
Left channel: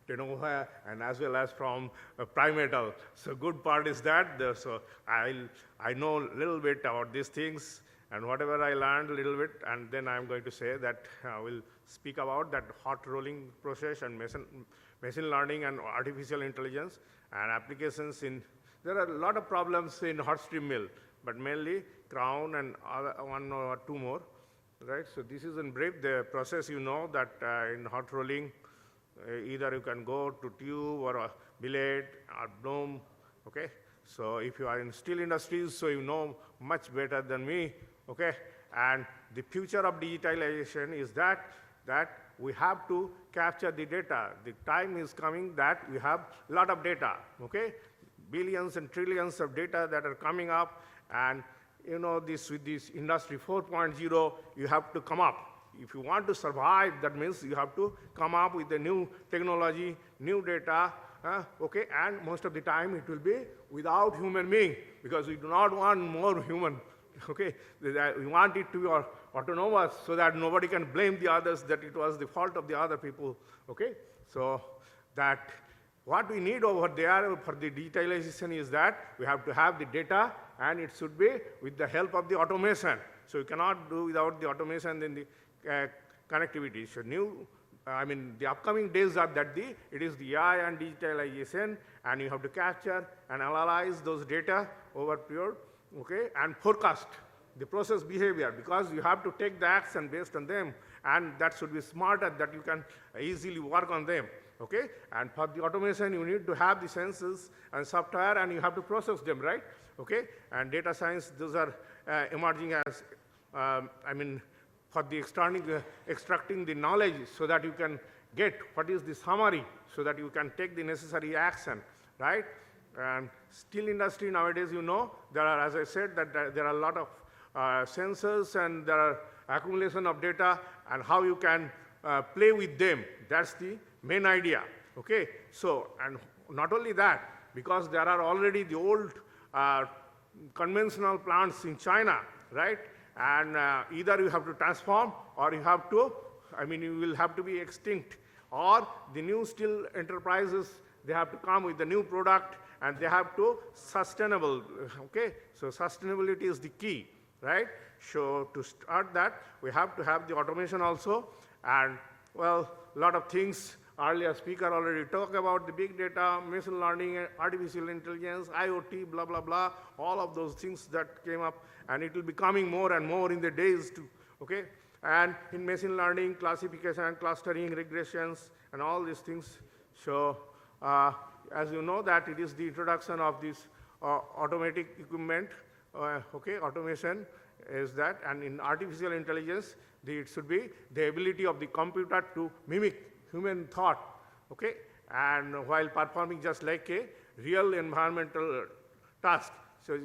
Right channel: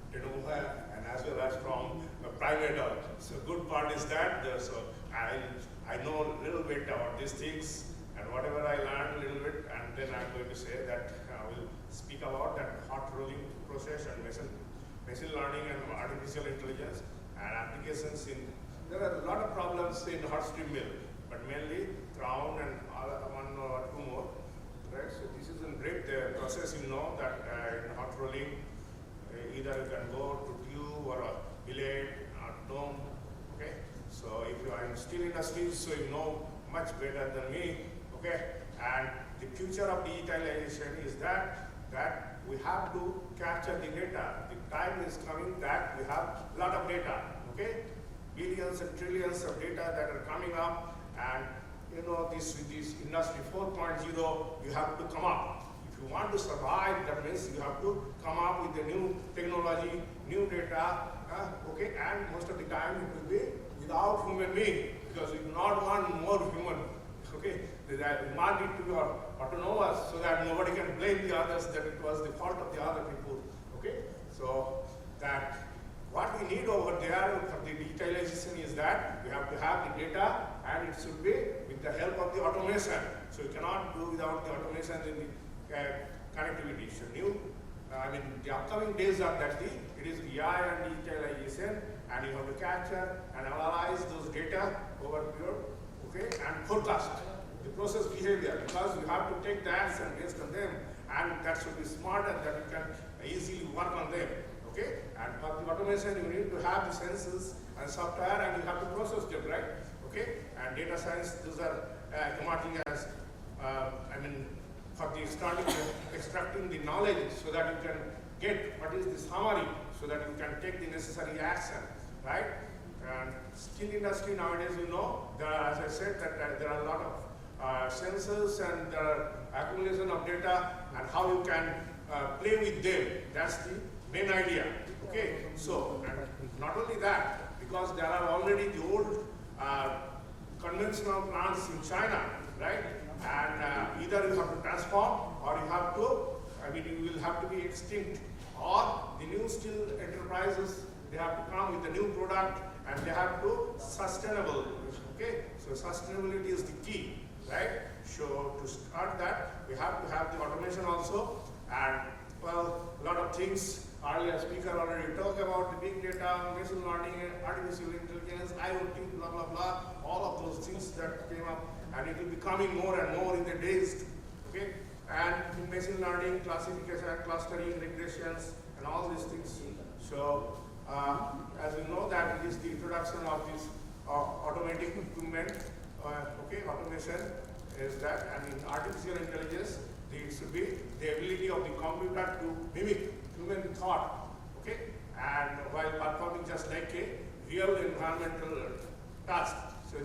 Tenova and as well as from Primetal. So good part is that so I know a little bit about these things, and whatever I learned a little bit, and then I'm going to say that I will speak about that hot rolling process and machine learning and artificial intelligence and applications in. There are a lot of problems in hot strip mill, but mainly crown and one or two more, right? So this is in brief the process. You know that in hot rolling, either you can go to tube or a billet or dome, okay? So if you are in steel industries, so you know much better than me, okay? And the future of digitalization is that we have to capture the data. The time is coming that we have a lot of data, okay? Billions and trillions of data that are coming up, and you know this with this industry 4.0, you have to come up. If you want to survive, that means you have to come up with the new technology, new data, okay? And most of the time it will be without human being, because we do not want more human. Okay, we want it to be autonomous so that nobody can blame the others that it was the fault of the other people. Okay, so that what we need over there for the digitalization is that we have to have the data, and it should be with the help of the automation. So you cannot do without the automation in the connectivity. So the upcoming days are that it is AI and digitalization, and you have to capture and analyze those data over period. Okay, and forecast the process behavior, because you have to take the action based on them, and that should be smarter, that you can easily work on them. Okay, and for the automation you need to have the sensors and software, and you have to process them, right? Okay, and data science, those are emerging as for the extracting the knowledge, so that you can get what is the summary, so that you can take the necessary action, right? And steel industry nowadays, you know, there are, as I said, that there are a lot of sensors, and there are accumulation of data, and how you can play with them. That's the main idea. Okay, so, and not only that, because there are already the old conventional plants in China, right? And either you have to transform or you have to, I mean, you will have to be extinct. Or the new steel enterprises, they have to come with a new product and they have to sustainable, okay? So sustainability is the key, right? So to start that, we have to have the automation also, and well, a lot of things. Earlier speaker already talked about the big data, machine learning, artificial intelligence, IoT, blah, blah, blah, all of those things that came up, and it will be coming more and more in the days, okay? And in machine learning, classification, clustering, regressions, and all these things. So, as you know that it is the introduction of this automatic equipment, okay, automation is that, and in artificial intelligence, it should be the ability of the computer to mimic human thought, okay, and while performing just like a real environmental task. So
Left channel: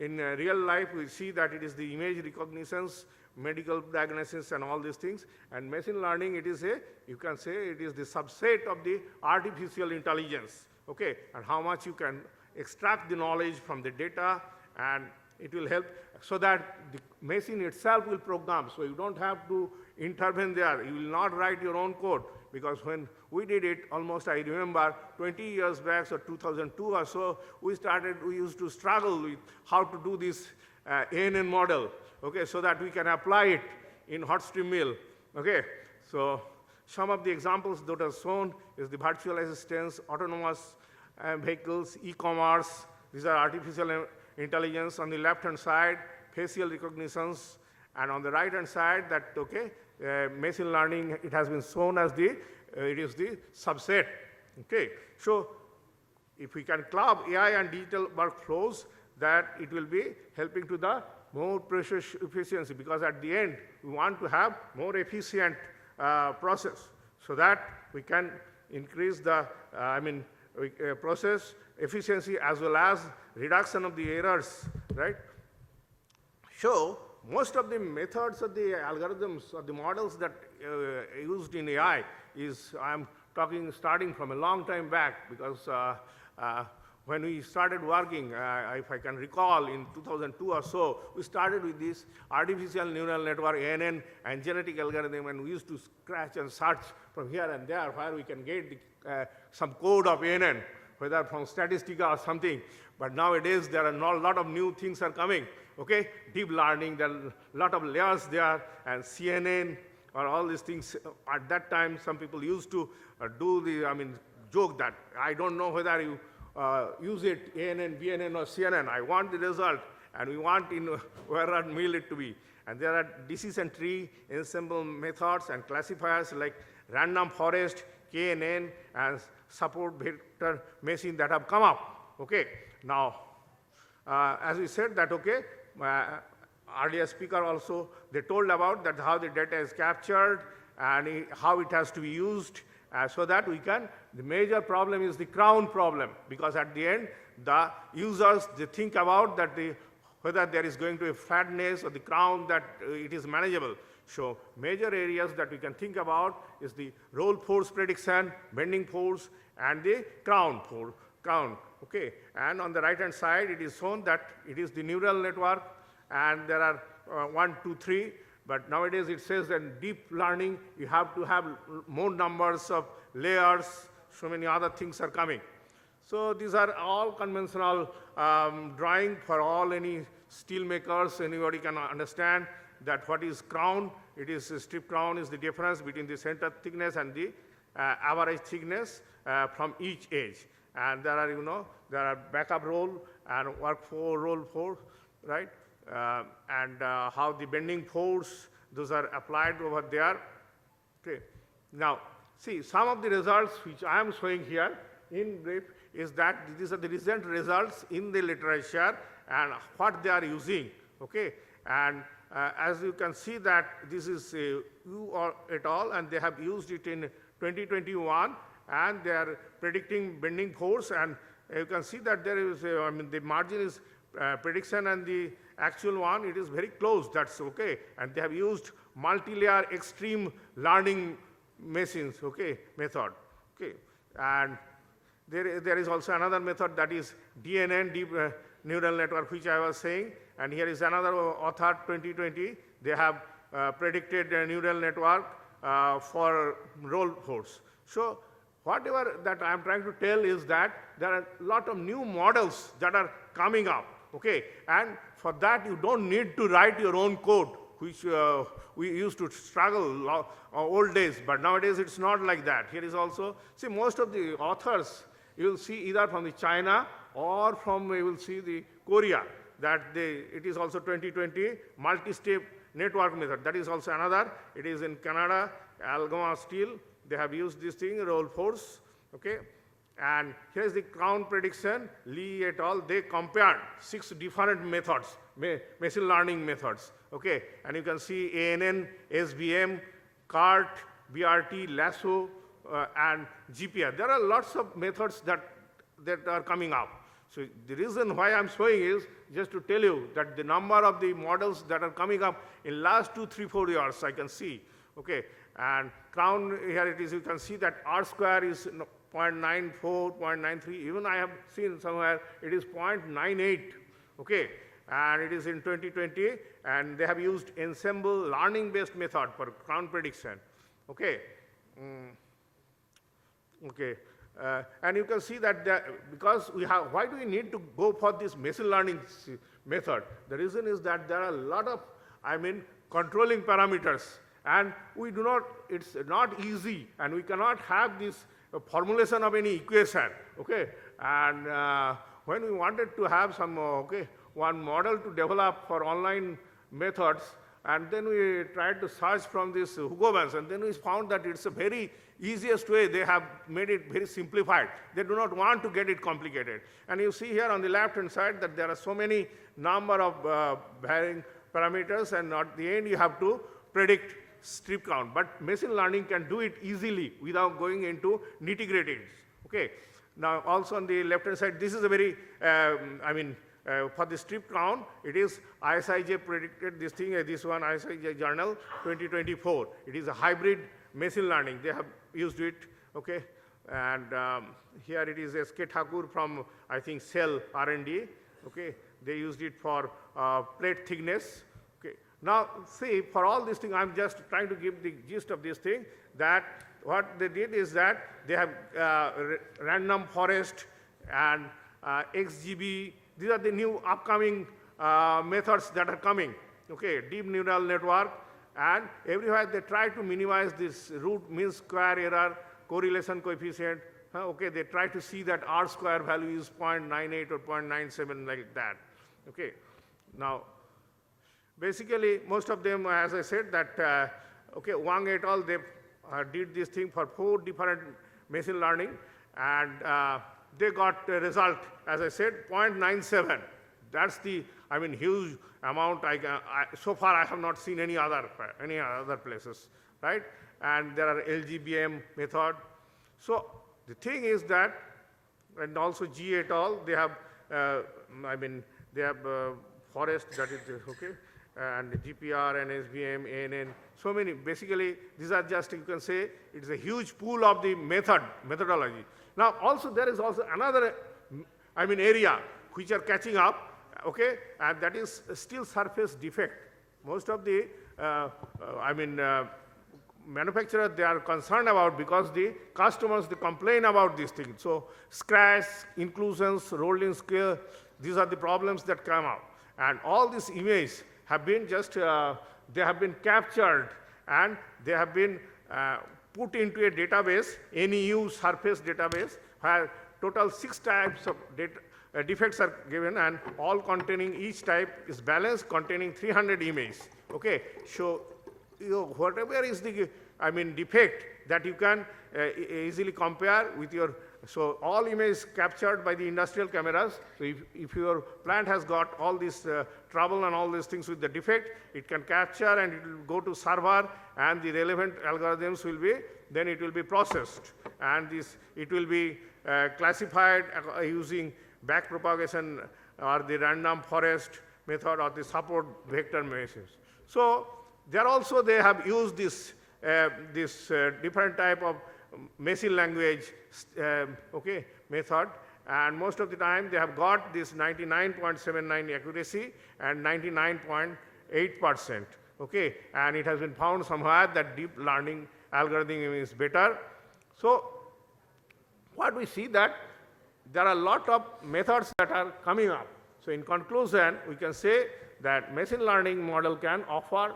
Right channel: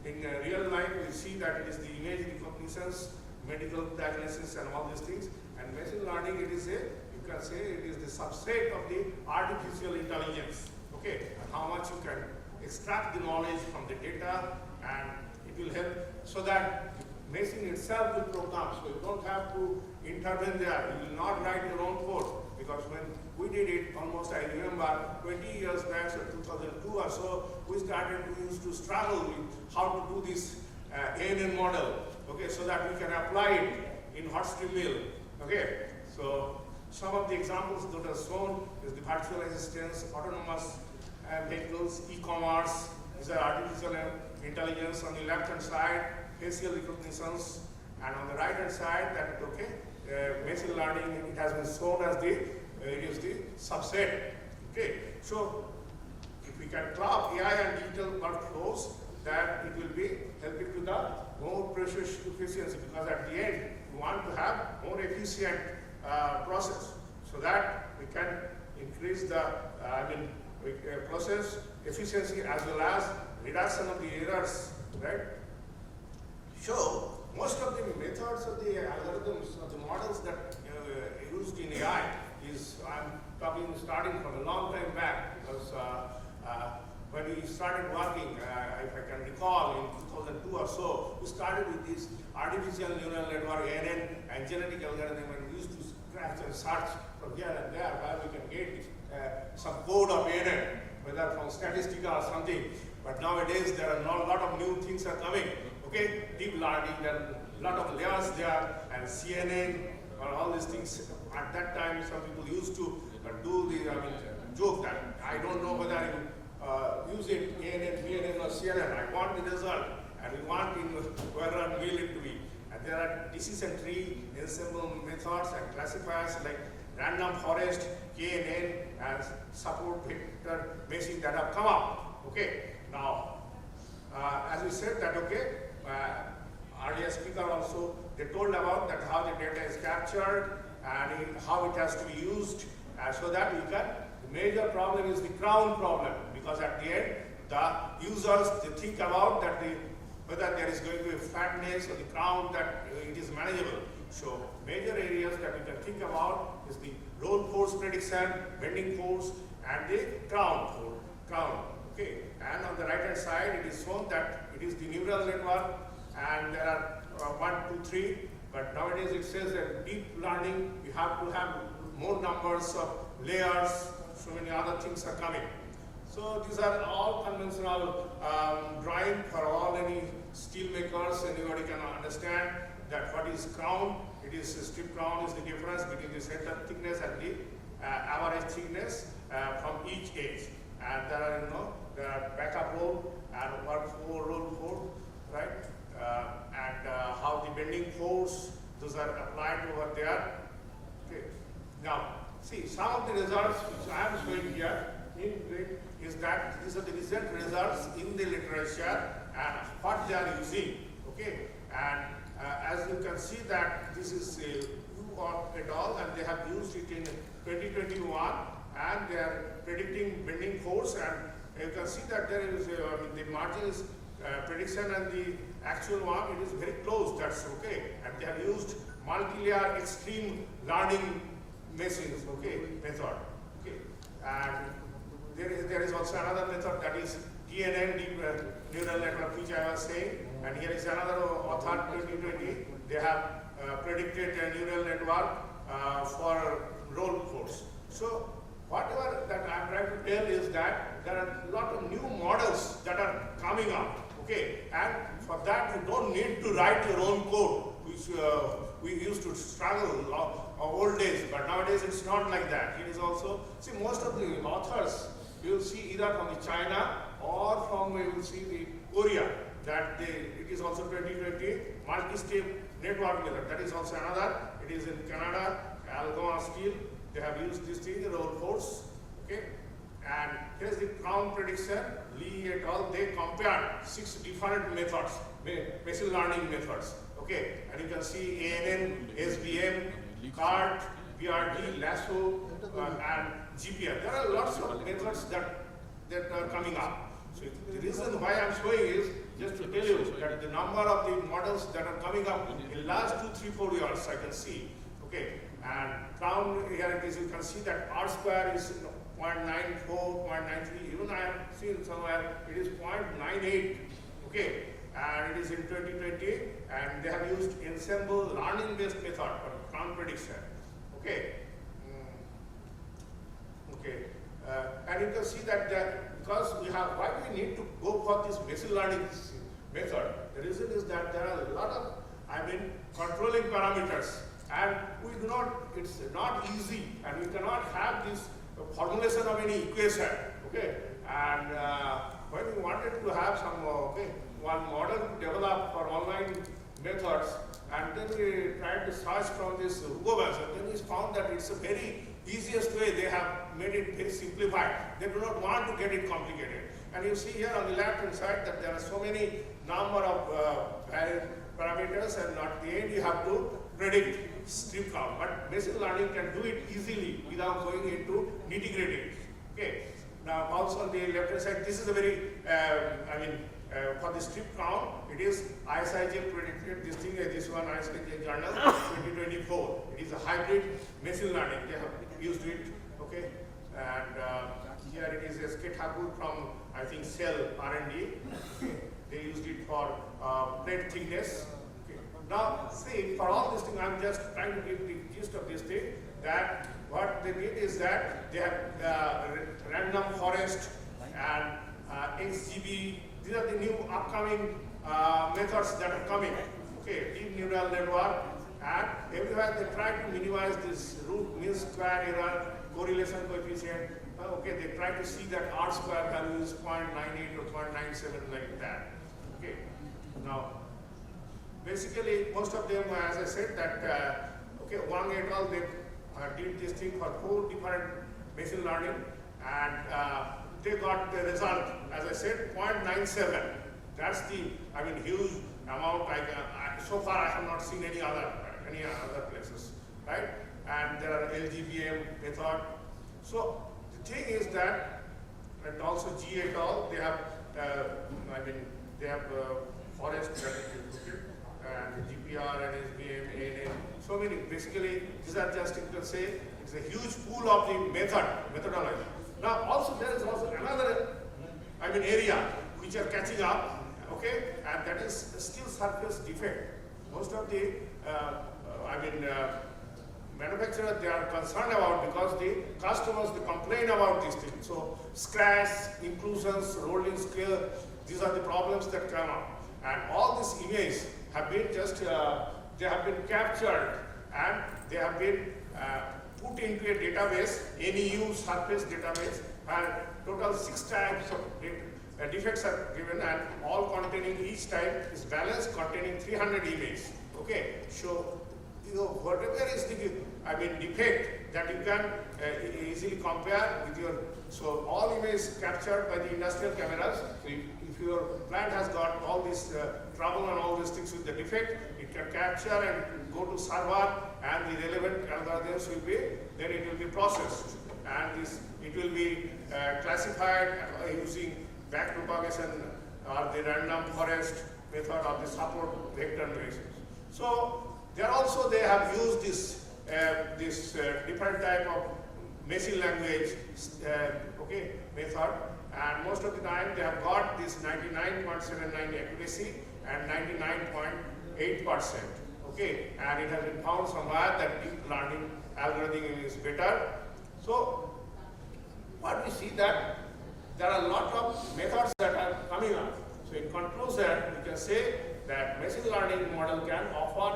in real life, we see that it is the image recognitions, medical diagnosis, and all these things. And machine learning, it is a, you can say, it is the subset of the artificial intelligence, okay, and how much you can extract the knowledge from the data, and it will help so that the machine itself will program, so you don't have to intervene there. You will not write your own code, because when we did it, almost I remember 20 years back, so 2002 or so, we used to struggle with how to do this ANN model, okay, so that we can apply it in hot stream mill, okay. So some of the examples that are shown is the virtual assistants, autonomous vehicles, e-commerce. These are artificial intelligence. On the left hand side, facial recognitions, and on the right hand side, that okay, machine learning, it has been shown as the it is the subset. Okay, so if we can club AI and digital workflows, that it will be helping to the more precious efficiency, because at the end we want to have more efficient process, so that we can increase the process efficiency as well as reduction of the errors, right? So most of the methods of the algorithms or the models that used in AI is, I'm talking starting from a long time back, because when we started working, if I can recall, in 2002 or so, we started with this artificial neural network, ANN, and genetic algorithm, and we used to scratch and search from here and there where we can get some code of ANN, whether from statistical or something. But nowadays there are a lot of new things are coming. Okay, deep learning, there are a lot of layers there, and CNN, or all these things. At that time, some people used to do the, joke that I don't know whether you use it, ANN, BNN, or CNN. I want the result, and we want where and will it to be. And there are decision tree, ensemble methods, and classifiers like random forest, KNN, and support vector machine that have come up. Okay, now, as we said that, okay, earlier speaker also, they told about that how the data is captured and how it has to be used, so that we can, the major problem is the crown problem, because at the end, the users, they think about that whether there is going to be fatness or the crown, that it is manageable. So major areas that we can think about is the roll force prediction, bending force, and the crown. Okay, and on the right hand side, it is shown that it is the neural network, and there are 1, 2, 3. But nowadays it says that deep learning, you have to have more numbers of layers. So many other things are coming. So these are all conventional drawing for all any steel makers. Anybody can understand that what is crown. It is strip crown is the difference between the center thickness and the average thickness from each edge. And there are, there are backup roll and work 4, roll 4, right? And how the bending force, those are applied over there. Okay. Now, see, some of the results which I am showing here in red is that these are the recent results in the literature and what they are using. Okay. And as you can see that this is Yu et al. And they have used it in 2021, and they are predicting bending force, and you can see that there is the margin is prediction and the actual one, it is very close, that's okay. And they have used multi-layer extreme learning machines, okay, method. Okay. And there is also another method, that is DNN, deep neural network, which I was saying. And here is another author, 2020. They have predicted a neural network for role codes. So whatever that I am trying to tell is that there are a lot of new models that are coming out, okay? And for that you don't need to write your own code, which we used to struggle old days, but nowadays it's not like that. Here is also, see, most of the authors you will see either from the China or from, you will see the Korea, that it is also 2020 multi-step network method. That is also another. It is in Canada, Algoma Steel. They have used this thing, roll codes, okay? And here is the crown prediction, Lee et al. They compared 6 different methods, machine learning methods, okay? And you can see ANN, SVM, CART, BRT, Lasso, and GPR. There are lots of methods that are coming up. So the reason why I'm showing is just to tell you that the number of the models that are coming up in last 2, 3, 4 years, I can see, okay? And crown, here it is, you can see that R square is 0.94, 0.93, even I have seen somewhere it is 0.98, okay? And it is in 2020, and they have used ensemble learning based method for crown prediction, okay? Okay, and you can see that because we have, why do we need to go for this machine learning method? The reason is that there are a lot of, controlling parameters, and we do not, it's not easy, and we cannot have this formulation of any equation, okay? And when we wanted to have some, one model to develop for online methods, and then we tried to search from this Google, and then we found that it's a very easiest way. They have made it very simplified. They do not want to get it complicated. And you see here on the left hand side that there are so many number of varying parameters, and at the end you have to predict strip count. But machine learning can do it easily without going into nitty-gritty. Okay. Now also on the left hand side, this is a very, for the strip count, it is ISIJ predicted this thing, this one ISIJ journal 2024. It is a hybrid machine learning. They have used it, okay? And here it is SK Thakur from, I think, Cell R&D, okay? They use it for plate thickness, okay? Now, see, for all this thing, I'm just trying to give the gist of this thing, that what they did is that they have random forest and XGB. These are the new upcoming methods that are coming, okay? Deep neural network, and everywhere they try to minimize this root mean square error, correlation coefficient, okay? They try to see that R square value is 0.98 or 0.97 like that, okay? Now, basically, most of them, as I said, that, okay, Wang et al., they did this thing for 4 different machine learning, and they got the result, as I said, 0.97. That's the, huge amount. So far I have not seen any other places, right? And there are LGBM method. So the thing is that, and also G et al., they have, they have forest, that is, okay, and GPR and SBM, ANN, so many. Basically, these are just, you can say, it's a huge pool of the methodology. Now, also there is also another, area which are catching up, okay, and that is still surface defect. Most of the, manufacturers, they are concerned about, because the customers, they complain about these things. So, scratch, inclusions, rolling scale, these are the problems that come up. And all these images have been just, they have been captured, and they have been put into a database, NEU surface database, where total 6 types of defects are given, and all containing, each type is balanced, containing 300 images. Okay, so whatever is the defect that you can easily compare with your. So all images captured by the industrial cameras. So if your plant has got all this trouble and all these things with the defect, it can capture and go to server, and the relevant algorithms will be, then it will be processed, and this, it will be classified using backpropagation or the random forest method or the support vector basis. So there also they have used this different type of machine language okay, method, and most of the time they have got this 99.79 accuracy and 99.8%. Okay, and it has been found somewhere that deep learning algorithm is better. So what we see that there are a lot of methods that are coming up. So in conclusion, we can say that machine learning model can offer,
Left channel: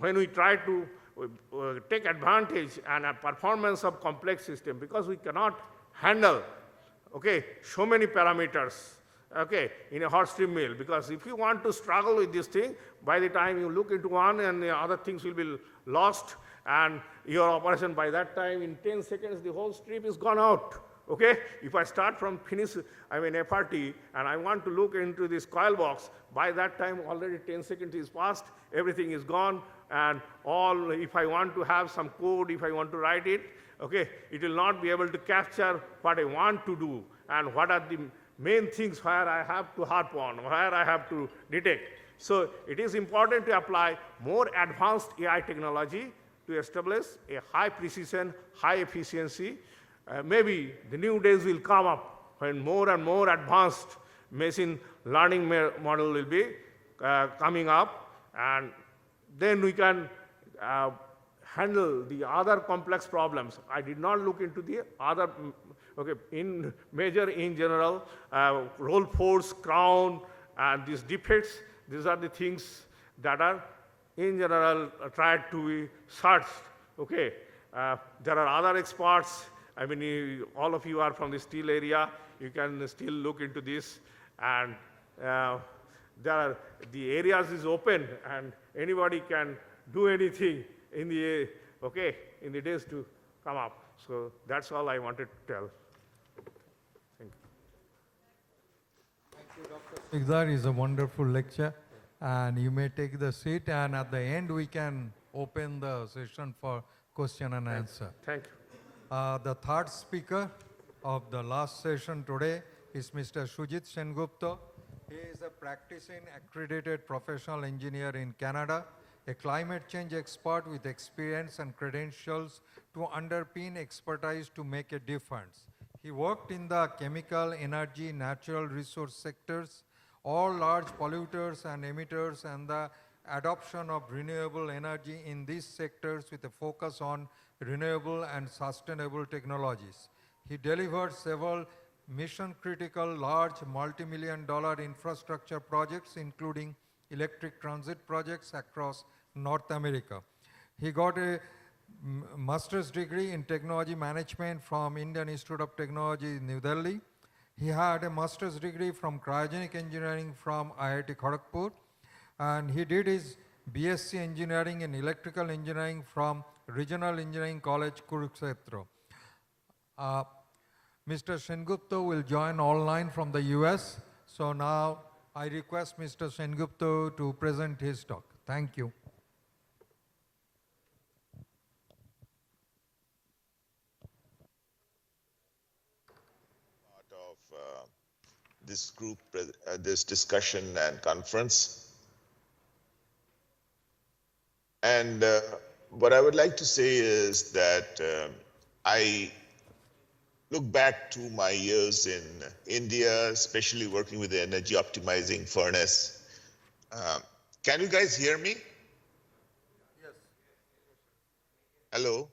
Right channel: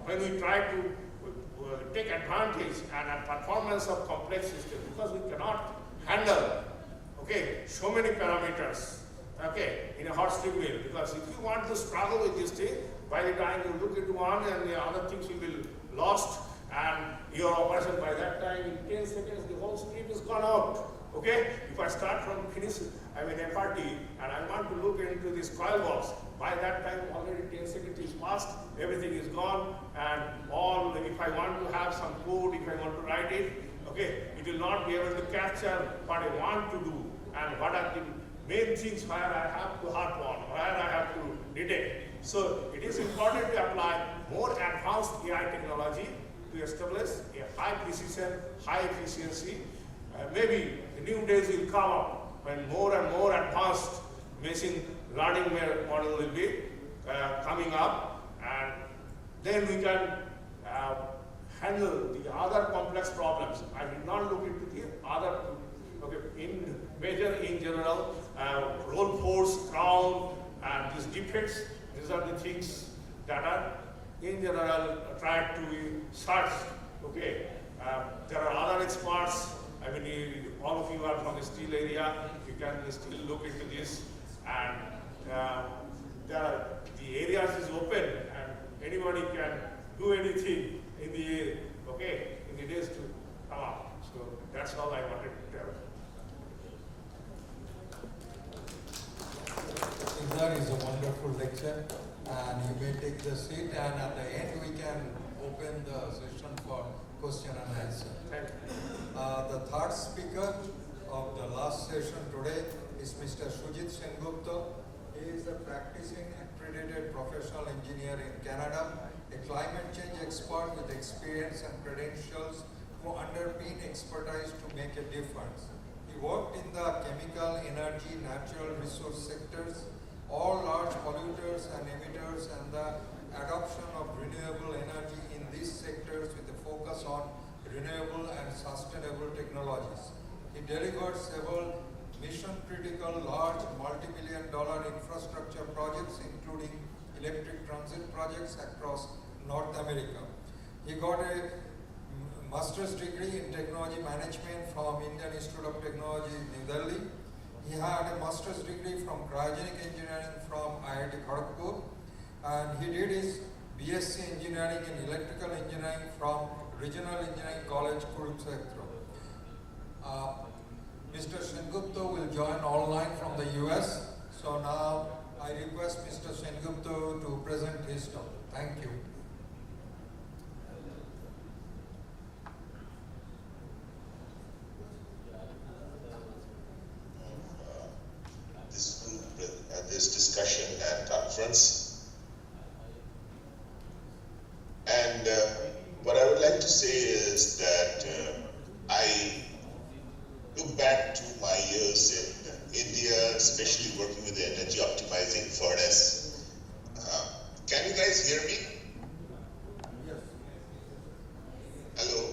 when we try to take advantage and a performance of complex system, because we cannot handle, okay, so many parameters, okay, in a hot stream mill, because if you want to struggle with this thing, by the time you look into one and the other things will be lost, and your operation by that time in 10 seconds the whole stream is gone out. Okay, if I start from finish, I mean FRT, and I want to look into this coil box, by that time already 10 seconds is passed, everything is gone, and all, if I want to have some code, if I want to write it, okay, it will not be able to capture what I want to do, and what are the main things where I have to harp on, where I have to detect. So it is important to apply more advanced AI technology to establish a high precision, high efficiency. Maybe the new days will come up when more and more advanced machine learning model will be coming up, and then we can handle the other complex problems. I did not look into the other, okay, in general, roll force, crown, and these defects. These are the things that are in general tried to be searched. Okay, there are other experts. I mean, all of you are from the steel area. You can still look into this, and the areas is open, and anybody can do anything in the in the days to come up. So that's all I wanted to tell. That is a wonderful lecture, and you may take the seat, and at the end we can open the session for question and answer. Thank you. The third speaker of the last session today is Mr. Sujit Sengupta. He is a practicing accredited professional engineer in Canada, a climate change expert with experience and credentials to underpin expertise to make a difference. He worked in the chemical, energy, natural resource sectors, all large polluters and emitters, and the adoption of renewable energy in these sectors with a focus on renewable and sustainable technologies. He delivered several mission-critical, large, multi-million-dollar infrastructure projects, including electric transit projects across North America. He got a master's degree in technology management from Indian Institute of Technology in New Delhi. He had a master's degree from cryogenic engineering from IIT Kharagpur, and he did his BSc engineering in electrical engineering from Regional Engineering College, Kurukshetra. Mr. Sengupta will join online from the US. So now I request Mr. Sengupta to present his talk. Thank you. This group, this discussion and conference. And what I would like to say is that I look back to my years in India, especially working with the energy optimizing furnace. Can you guys hear me? Hello?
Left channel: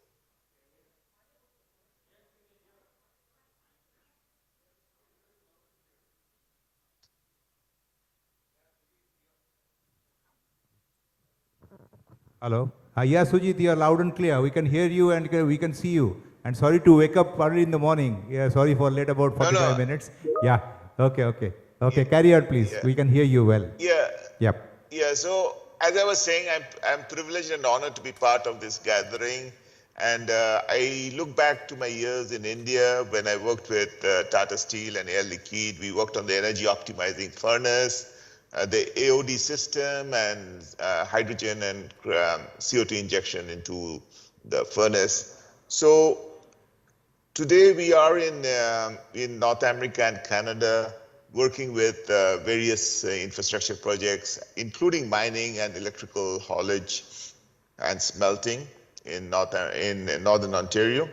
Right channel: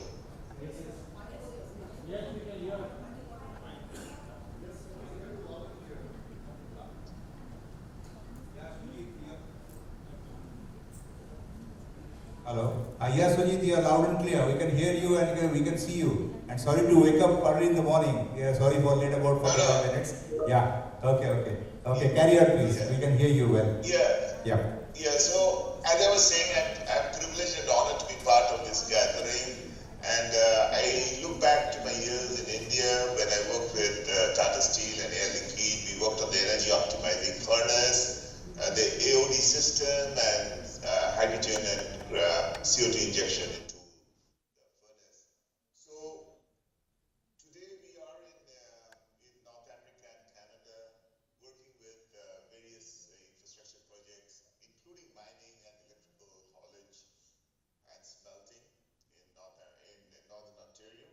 Hello? Yes, Sujit, you are loud and clear. We can hear you and we can see you. And sorry to wake up early in the morning. Yeah, sorry for late about 45 minutes. Yeah, okay. Okay, carry on please. Yeah. We can hear you well. Yeah, so as I was saying, I'm privileged and honored to be part of this gathering. And I look back to my years in India when I worked with Tata Steel and Air Liquide. We worked on the energy optimizing furnace, the AOD system, and hydrogen and CO2 injection into the furnace. So today we are in North America and Canada, working with various infrastructure projects, including mining and electrical haulage and smelting in Northern Ontario.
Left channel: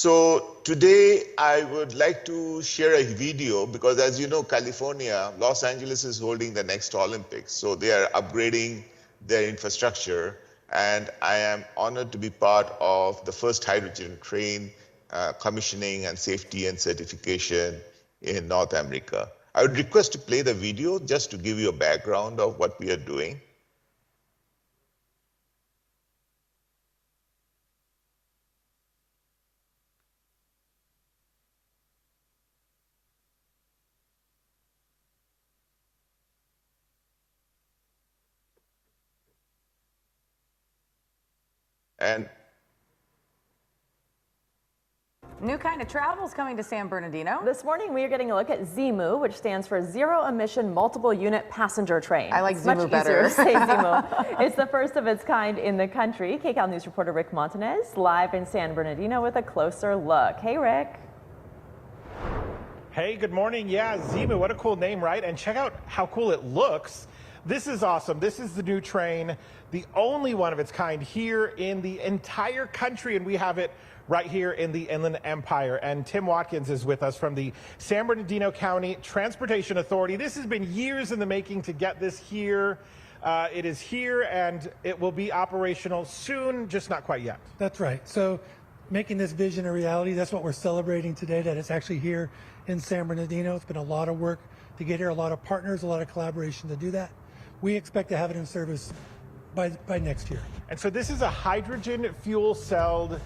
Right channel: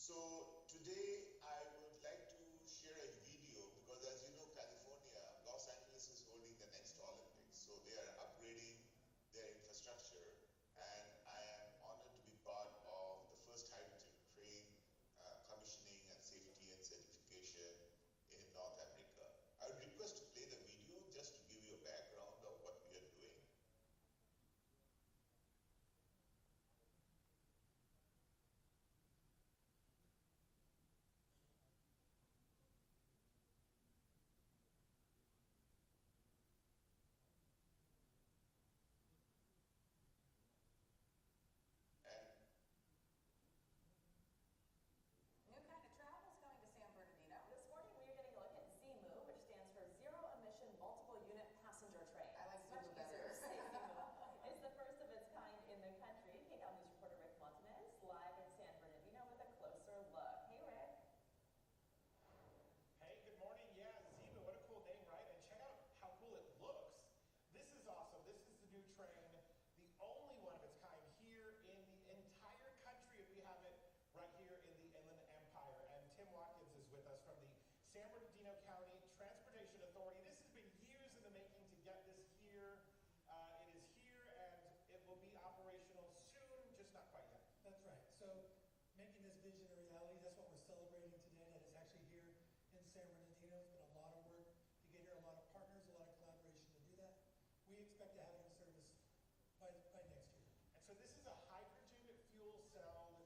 So today I would like to share a video because, as you know, California, Los Angeles is holding the next Olympics. So they are upgrading their infrastructure, and I am honored to be part of the first hydrogen train commissioning and safety and certification in North America. I would request to play the video just to give you a background of what we are doing. And New kind of travel is coming to San Bernardino. This morning, we are getting a look at ZEMU, which stands for Zero Emission Multiple Unit Passenger Train. I like It's ZEMU much better. easier to say ZEMU. It's the first of its kind in the country. KCAL News reporter Rick Montanez live in San Bernardino with a closer look. Hey, Rick. Hey, good morning. Yeah, ZEMU, what a cool name, right? And check out how cool it looks. This is awesome. This is the new train, the only one of its kind here in the entire country, and we have it right here in the Inland Empire. And Tim Watkins is with us from the San Bernardino County Transportation Authority. This has been years in the making to get this here. It is here and it will be operational soon, just not quite yet. That's right. So making this vision a reality, that's what we're celebrating today, that it's actually here in San Bernardino. It's been a lot of work to get here, a lot of partners, a lot of collaboration to do that. We expect to have it in service by next year. And so this is a hydrogen fuel celled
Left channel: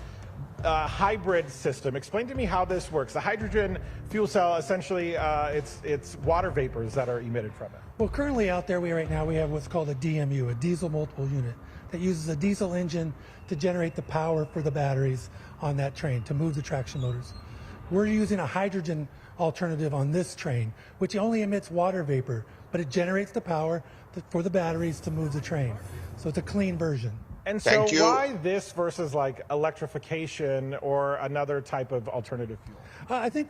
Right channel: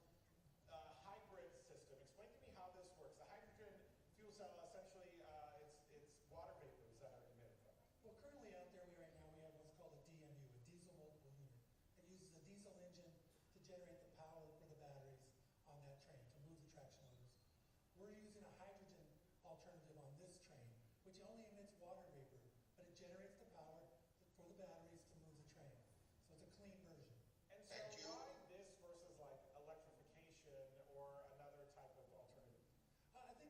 hybrid system. Explain to me how this works. The hydrogen fuel cell, essentially, it's water vapors that are emitted from it. Well, currently out there, right now, we have what's called a DMU, a diesel multiple unit, that uses a diesel engine to generate the power for the batteries on that train to move the traction motors. We're using a hydrogen alternative on this train, which only emits water vapor, but it generates the power for the batteries to move the train. So it's a clean version. And so why this versus like electrification or another type of alternative fuel? I think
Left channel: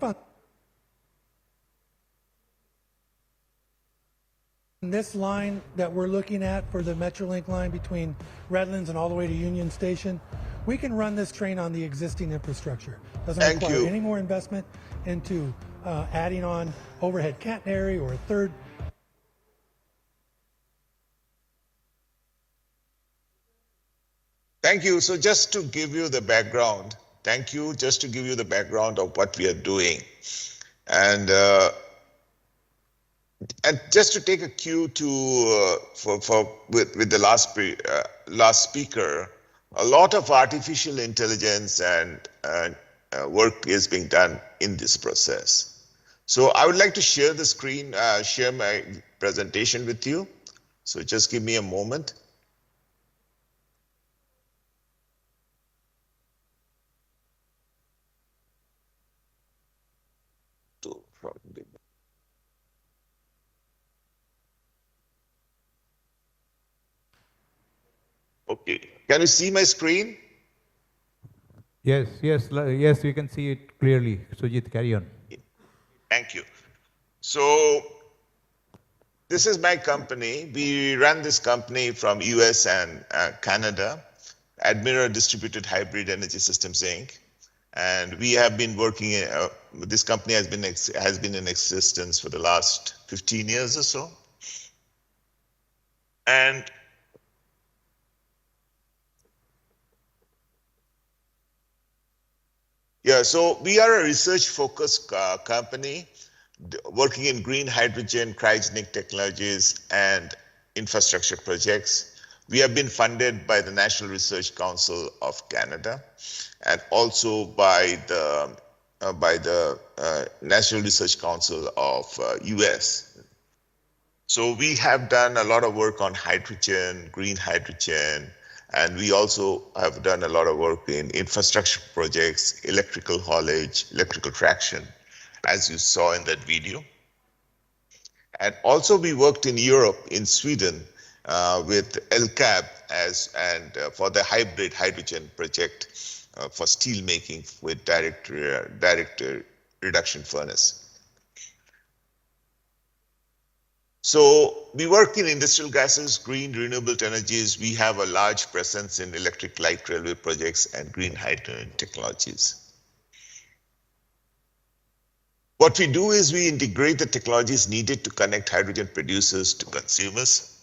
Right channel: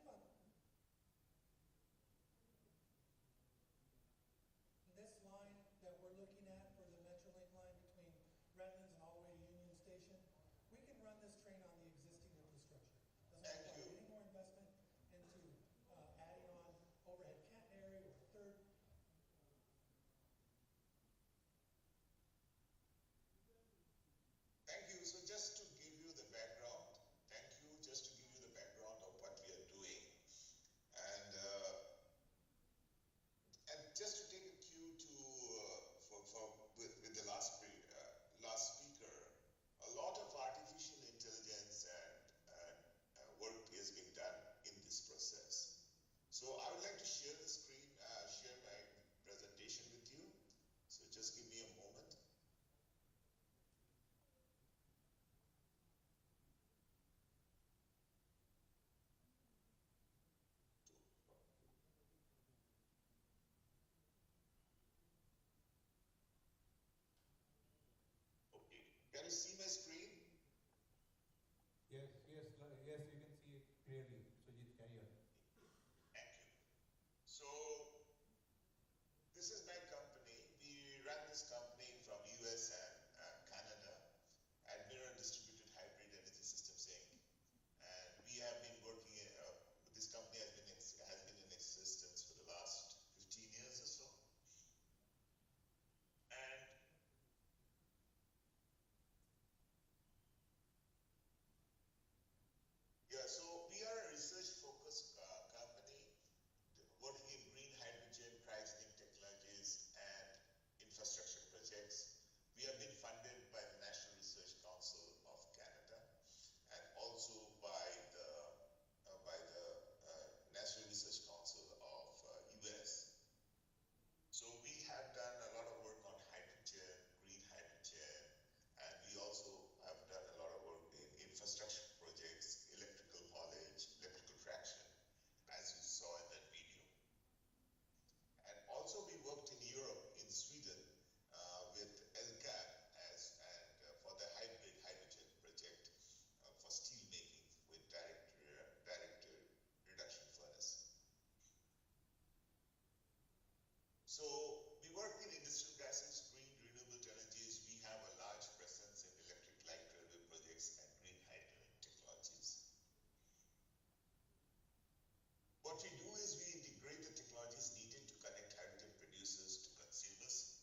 this line that we're looking at for the Metrolink line between Redlands and all the way to Union Station, we can run this train on the existing infrastructure. Doesn't require any more investment into adding on overhead catenary or a third. thank you. So just to give you the background, just to give you the background of what we are doing. And just to take a cue to with the last speaker, a lot of artificial intelligence and work is being done in this process. So I would like to share the screen, share my presentation with you. So just give me a moment. Okay, can you see my screen? Yes, we can see it clearly. Sujit, carry on. Thank you. So this is my company. We run this company from US and Canada, Admira Distributed Hybrid Energy Systems, Inc. And we have been working, this company has been in existence for the last 15 years or so. And yeah, so we are a research-focused company working in green hydrogen, cryogenic technologies, and infrastructure projects. We have been funded by the National Research Council of Canada and also by the National Research Council of US. So we have done a lot of work on hydrogen, green hydrogen, and we also have done a lot of work in infrastructure projects, electrical haulage, electrical traction, as you saw in that video. And also we worked in Europe, in Sweden, with LCAB for the hybrid hydrogen project for steel making with direct reduction furnace. So we work in industrial gases, green renewable energies. We have a large presence in electric light railway projects and green hydrogen technologies. What we do is we integrate the technologies needed to connect hydrogen producers to consumers.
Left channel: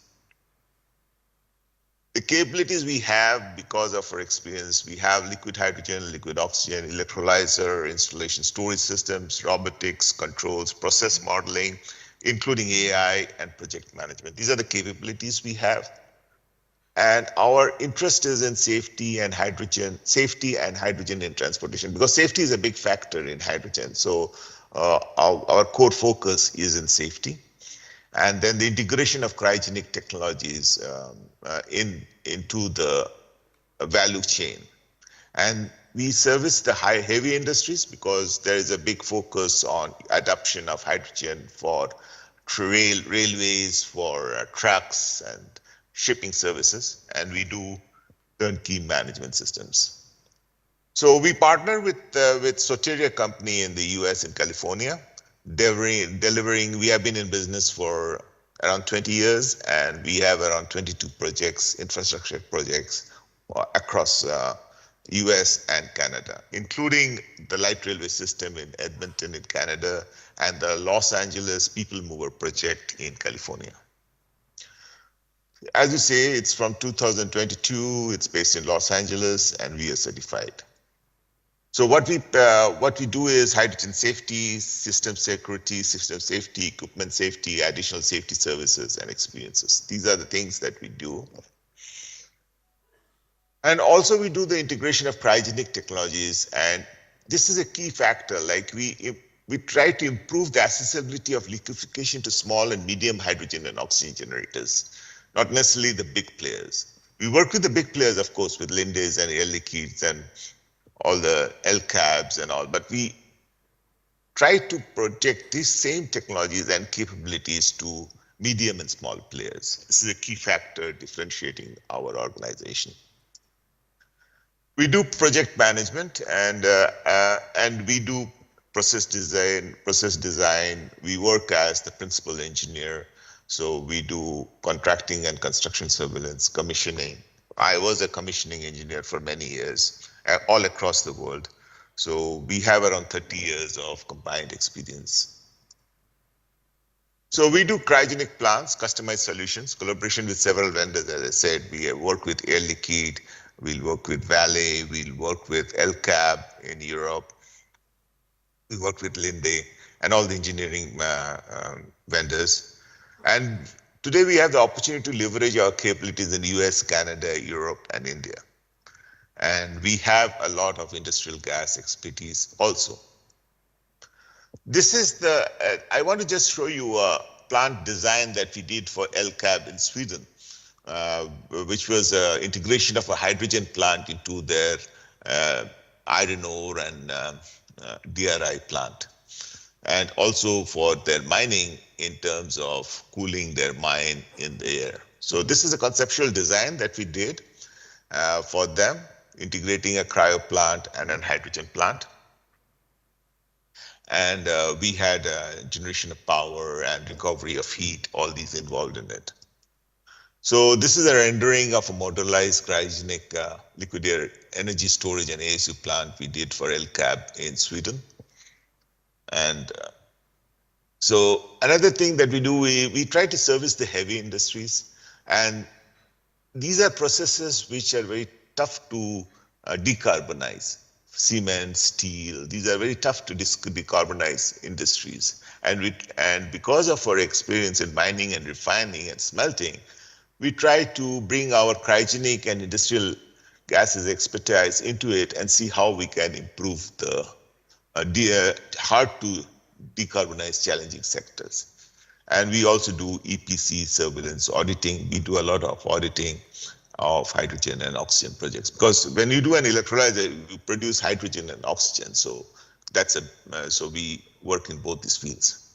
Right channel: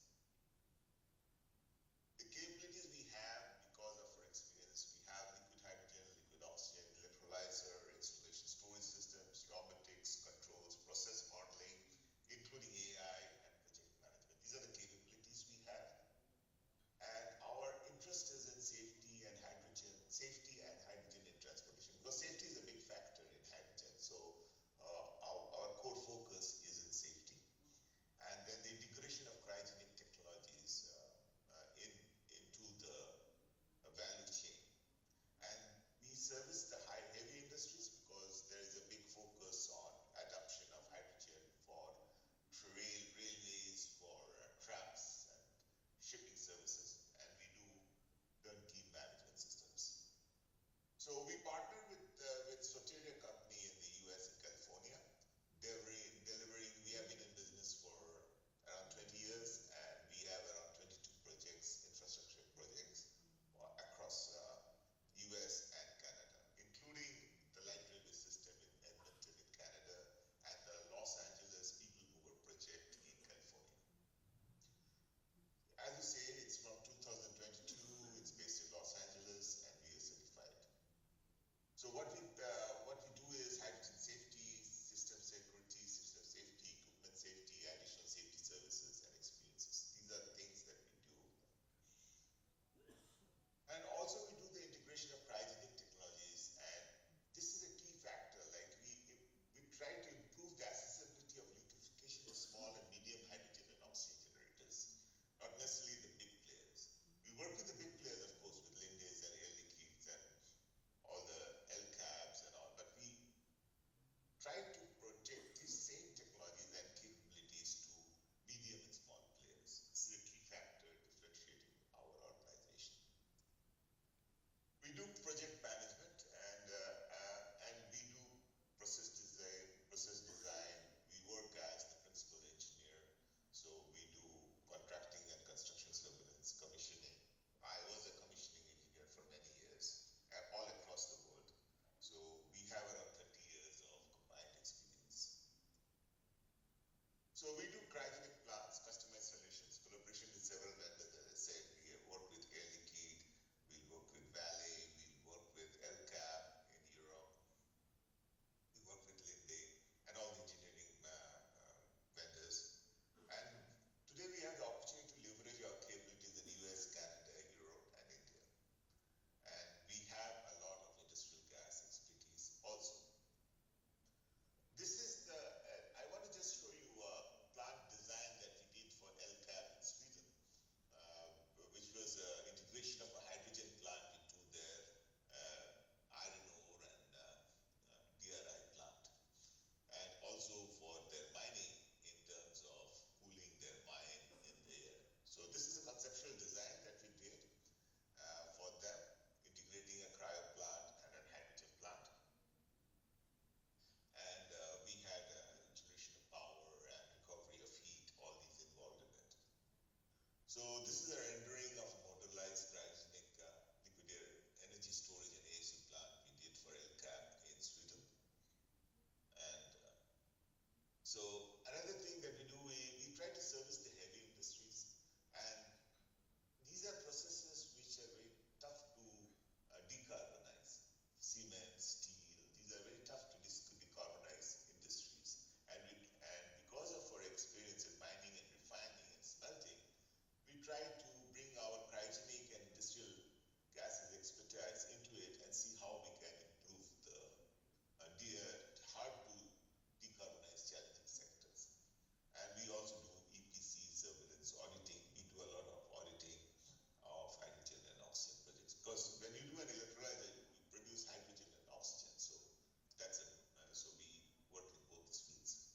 The capabilities we have because of our experience, we have liquid hydrogen, liquid oxygen, electrolyzer, installation storage systems, robotics, controls, process modeling, including AI and project management. These are the capabilities we have. And our interest is in safety and hydrogen in transportation, because safety is a big factor in hydrogen. So our core focus is in safety. And then the integration of cryogenic technologies into the value chain. And we service the heavy industries because there is a big focus on adoption of hydrogen for railways, for trucks and shipping services, and we do turnkey management systems. So we partner with Soteria company in the US in California, delivering, we have been in business for around 20 years, and we have around 22 projects, infrastructure projects across US and Canada, including the light railway system in Edmonton in Canada and the Los Angeles People Mover project in California. As you say, it's from 2022, it's based in Los Angeles, and we are certified. So what we do is hydrogen safety, system security, system safety, equipment safety, additional safety services and experiences. These are the things that we do. And also we do the integration of cryogenic technologies, and this is a key factor. Like we try to improve the accessibility of liquefaction to small and medium hydrogen and oxygen generators, not necessarily the big players. We work with the big players, of course, with Linde's and Air Liquids and all the LCABs and all, but we try to project these same technologies and capabilities to medium and small players. This is a key factor differentiating our organization. We do project management, and we do process design. We work as the principal engineer. So we do contracting and construction surveillance, commissioning. I was a commissioning engineer for many years, all across the world. So we have around 30 years of combined experience. So we do cryogenic plants, customized solutions, collaboration with several vendors. As I said, we work with Air Liquide, we'll work with Vale, we'll work with LCAB in Europe, we work with Linde and all the engineering vendors. And today we have the opportunity to leverage our capabilities in the US, Canada, Europe, and India. And we have a lot of industrial gas expertise also. This is I want to just show you a plant design that we did for LCAB in Sweden, which was integration of a hydrogen plant into their iron ore and DRI plant. And also for their mining in terms of cooling their mine in the air. So this is a conceptual design that we did for them, integrating a cryo plant and a hydrogen plant. And we had generation of power and recovery of heat, all these involved in it. So this is a rendering of a modularized cryogenic liquid air energy storage and ASU plant we did for LCAB in Sweden. And so another thing that we do, we try to service the heavy industries. And these are processes which are very tough to decarbonize. Cement, steel, these are very tough to decarbonize industries. And because of our experience in mining and refining and smelting, we try to bring our cryogenic and industrial gases expertise into it and see how we can improve the hard to decarbonize challenging sectors. And we also do EPC surveillance auditing. We do a lot of auditing of hydrogen and oxygen projects, because when you do an electrolyzer, you produce hydrogen and oxygen. So so we work in both these fields.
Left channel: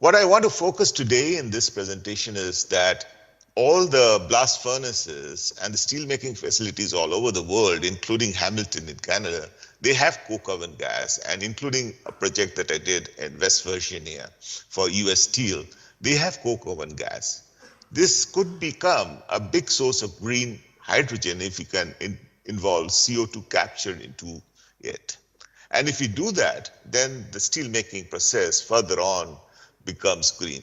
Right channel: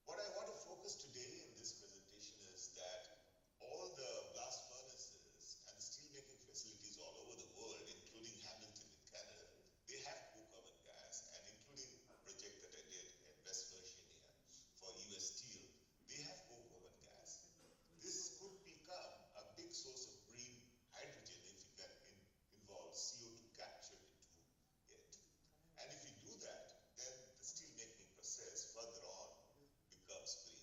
What I want to focus today in this presentation is that all the blast furnaces and the steelmaking facilities all over the world, including Hamilton in Canada, they have coke oven gas, and including a project that I did in West Virginia for US Steel, they have coke oven gas. This could become a big source of green hydrogen if you can involve CO2 capture into it. And if you do that, then the steel making process further on becomes green.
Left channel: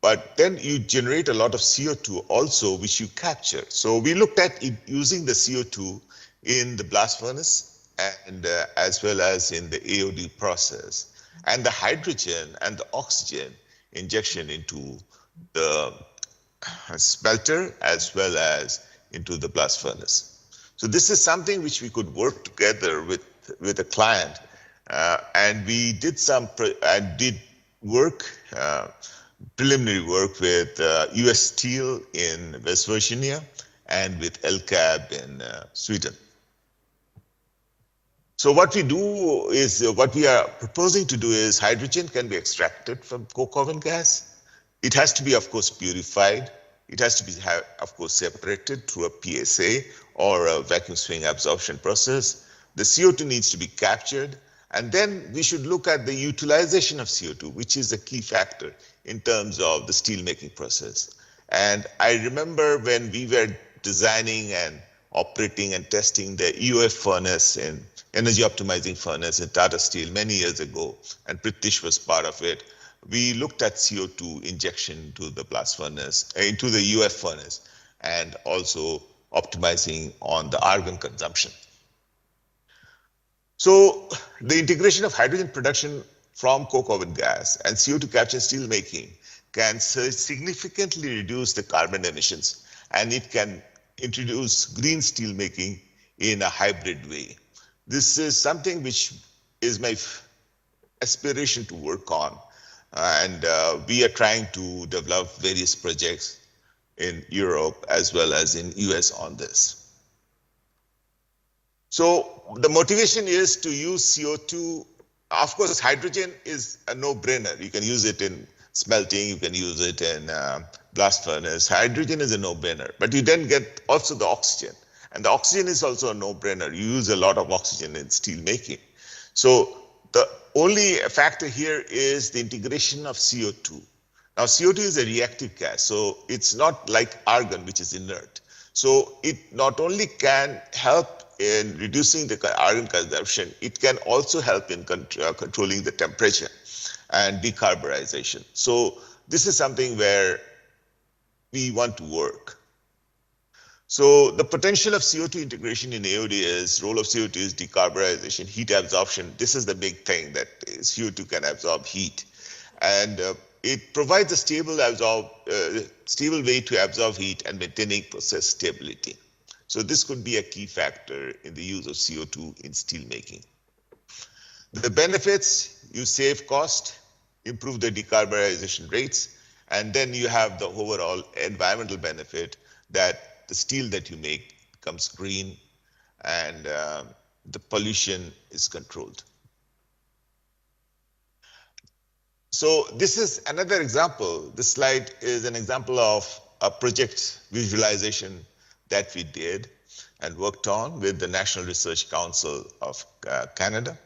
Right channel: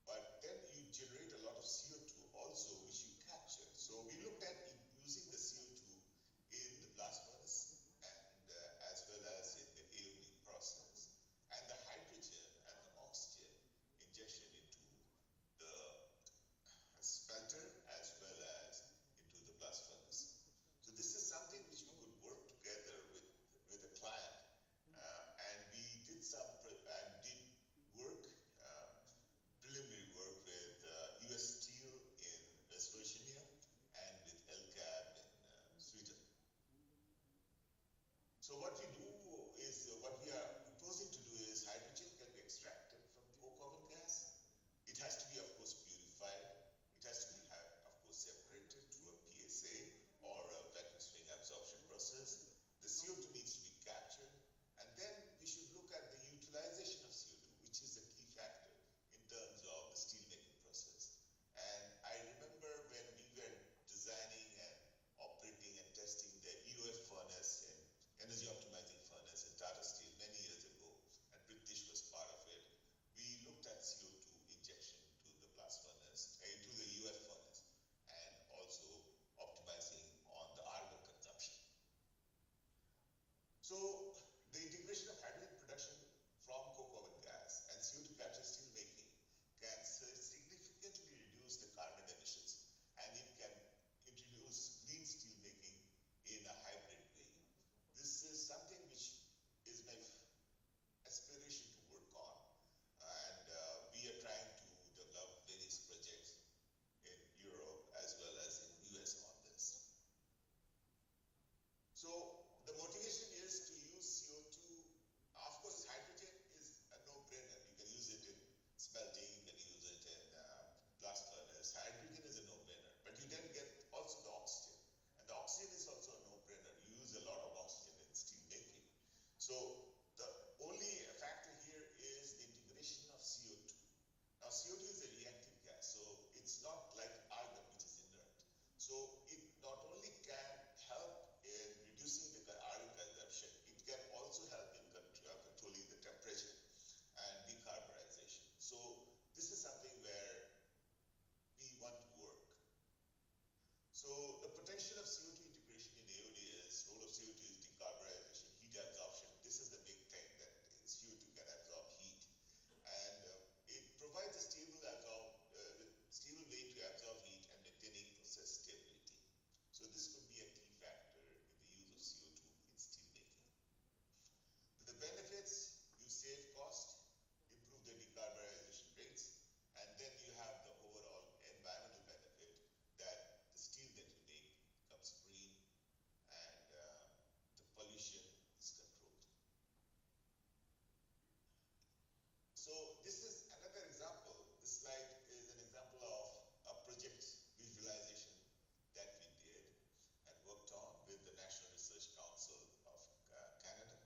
But then you generate a lot of CO2 also, which you capture. So we looked at using the CO2 in the blast furnace and as well as in the AOD process, and the hydrogen and the oxygen injection into the smelter as well as into the blast furnace. So this is something which we could work together with a client, and we did work, preliminary work with US Steel in West Virginia and with LCAB in Sweden. So what we do is, what we are proposing to do is hydrogen can be extracted from coke oven gas. It has to be, of course, purified. It has to be, of course, separated through a PSA or a vacuum swing absorption process. The CO2 needs to be captured. And then we should look at the utilization of CO2, which is a key factor in terms of the steel making process. And I remember when we were designing and operating and testing the EOF furnace and energy optimizing furnace in Tata Steel many years ago, and Pritish was part of it. We looked at CO2 injection to the blast furnace, into the EOF furnace, and also optimizing on the argon consumption. So the integration of hydrogen production from coke oven gas and CO2 capture steel making can significantly reduce the carbon emissions, and it can introduce green steel making in a hybrid way. This is something which is my aspiration to work on, and we are trying to develop various projects in Europe as well as in US on this. So the motivation is to use CO2. Of course, hydrogen is a no-brainer. You can use it in smelting, you can use it in blast furnace. Hydrogen is a no-brainer, but you then get also the oxygen. And the oxygen is also a no-brainer. You use a lot of oxygen in steel making. So the only factor here is the integration of CO2. Now, CO2 is a reactive gas, so it's not like argon, which is inert. So it not only can help in reducing the argon consumption, it can also help in controlling the temperature and decarbonization. So this is something where we want to work. So the potential of CO2 integration in AOD is, role of CO2 is decarbonization, heat absorption. This is the big thing, that CO2 can absorb heat. And it provides a stable way to absorb heat and maintaining process stability. So this could be a key factor in the use of CO2 in steel making. The benefits, you save cost, improve the decarbonization rates, and then you have the overall environmental benefit that the steel that you make becomes green and the pollution is controlled. So this is another example. This slide is an example of a project visualization that we did and worked on with the National Research Council of Canada.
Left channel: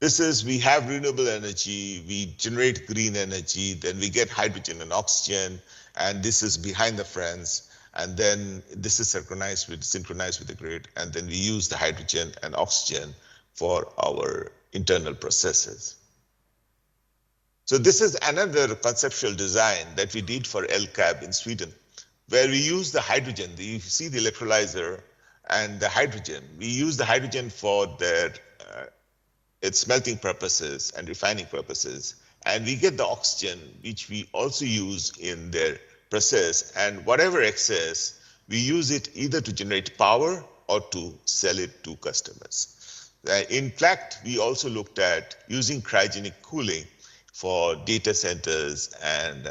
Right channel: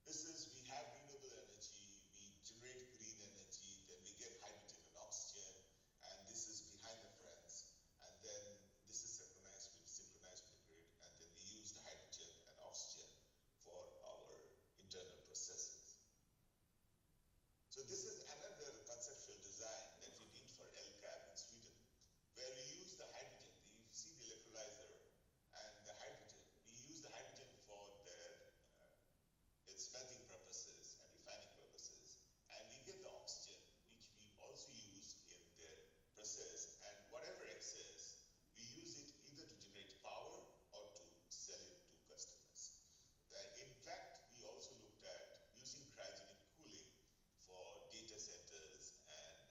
This is, we have renewable energy, we generate green energy, then we get hydrogen and oxygen, and this is behind the fence, and then this is synchronized with the grid, and then we use the hydrogen and oxygen for our internal processes. So this is another conceptual design that we did for LCAB in Sweden, where we use the hydrogen. You see the electrolyzer and the hydrogen. We use the hydrogen for their its smelting purposes and refining purposes. And we get the oxygen, which we also use in their process. And whatever excess, we use it either to generate power or to sell it to customers. In fact, we also looked at using cryogenic cooling for data centers and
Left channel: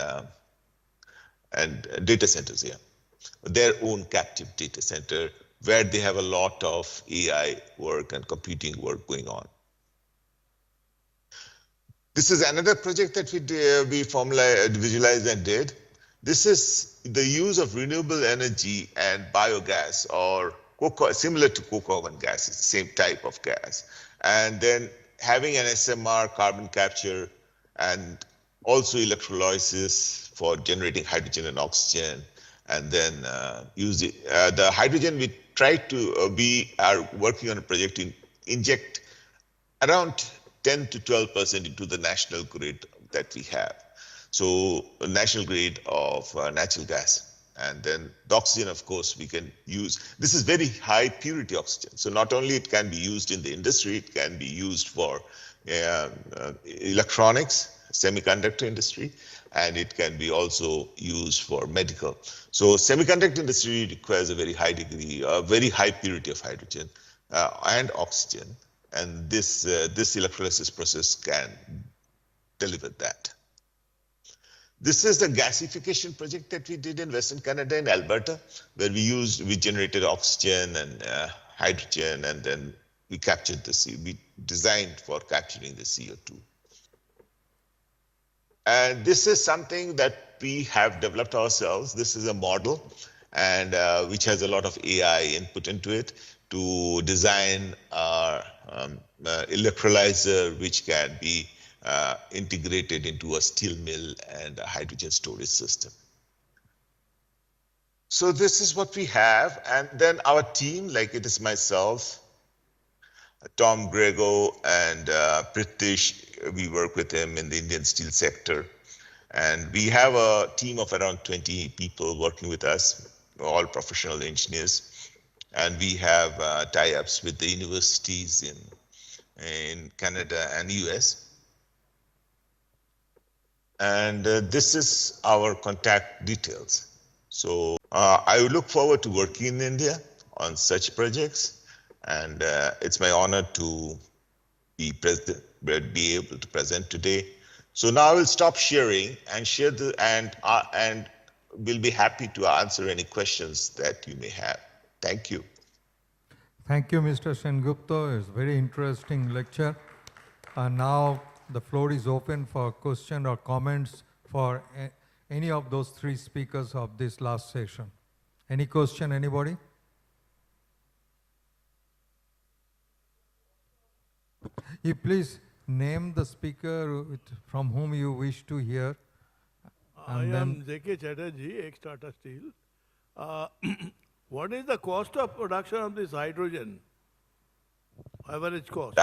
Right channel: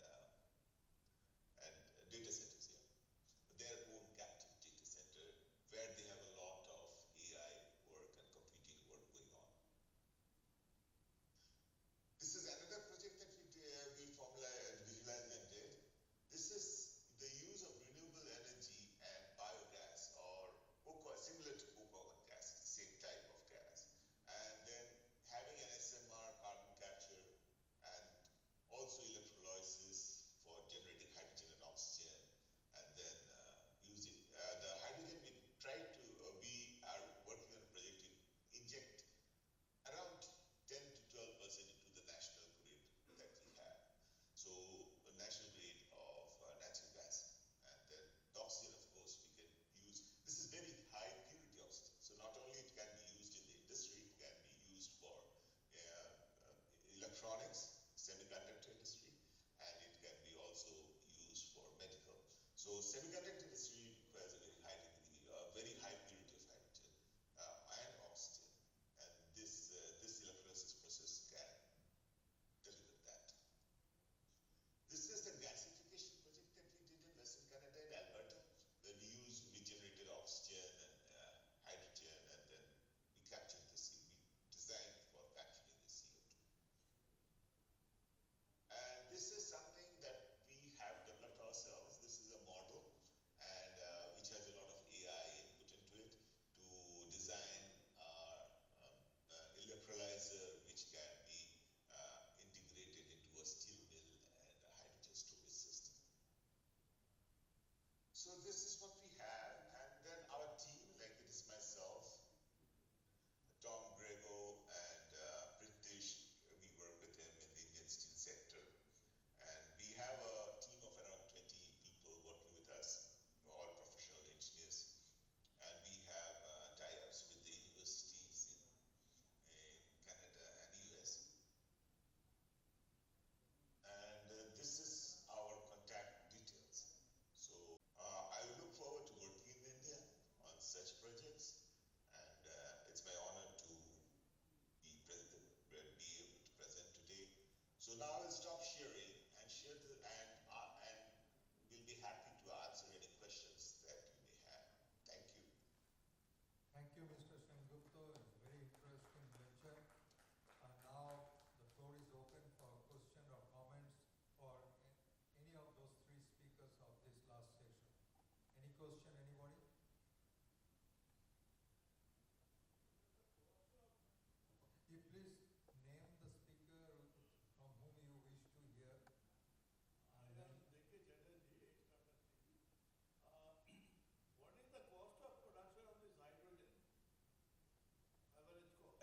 data centers, their own captive data center, where they have a lot of AI work and computing work going on. This is another project that we visualized and did. This is the use of renewable energy and biogas, or similar to coke oven gas, it's the same type of gas. And then having an SMR, carbon capture, and also electrolysis for generating hydrogen and oxygen, and then use it. The hydrogen we are working on a project to inject around 10 to 12% into the national grid that we have. So a national grid of natural gas. And then the oxygen, of course, we can use. This is very high purity oxygen. So not only it can be used in the industry, it can be used for electronics, semiconductor industry, and it can be also used for medical. So semiconductor industry requires a very high degree, a very high purity of hydrogen and oxygen. And this electrolysis process can deliver that. This is the gasification project that we did in Western Canada in Alberta, where we generated oxygen and hydrogen, and then we captured we designed for capturing the CO2. And this is something that we have developed ourselves. This is a model, and which has a lot of AI input into it to design our electrolyzer, which can be integrated into a steel mill and a hydrogen storage system. So this is what we have. And then our team, like it is myself, Tom Grego, and Pritish, we work with him in the Indian steel sector. And we have a team of around 20 people working with us, all professional engineers. And we have tie-ups with the universities in Canada and US. And this is our contact details. So I look forward to working in India on such projects. And it's my honor to be able to present today. So now I will stop sharing and share and we'll be happy to answer any questions that you may have. Thank you. Thank you, Mr. Sengupta. It's a very interesting lecture. And now the floor is open for questions or comments for any of those three speakers of this last session. Any question, anybody? You please name the speaker from whom you wish to hear. I am J.K. Chatterjee, ex-Tata Steel. What is the cost of production of this hydrogen? Average cost?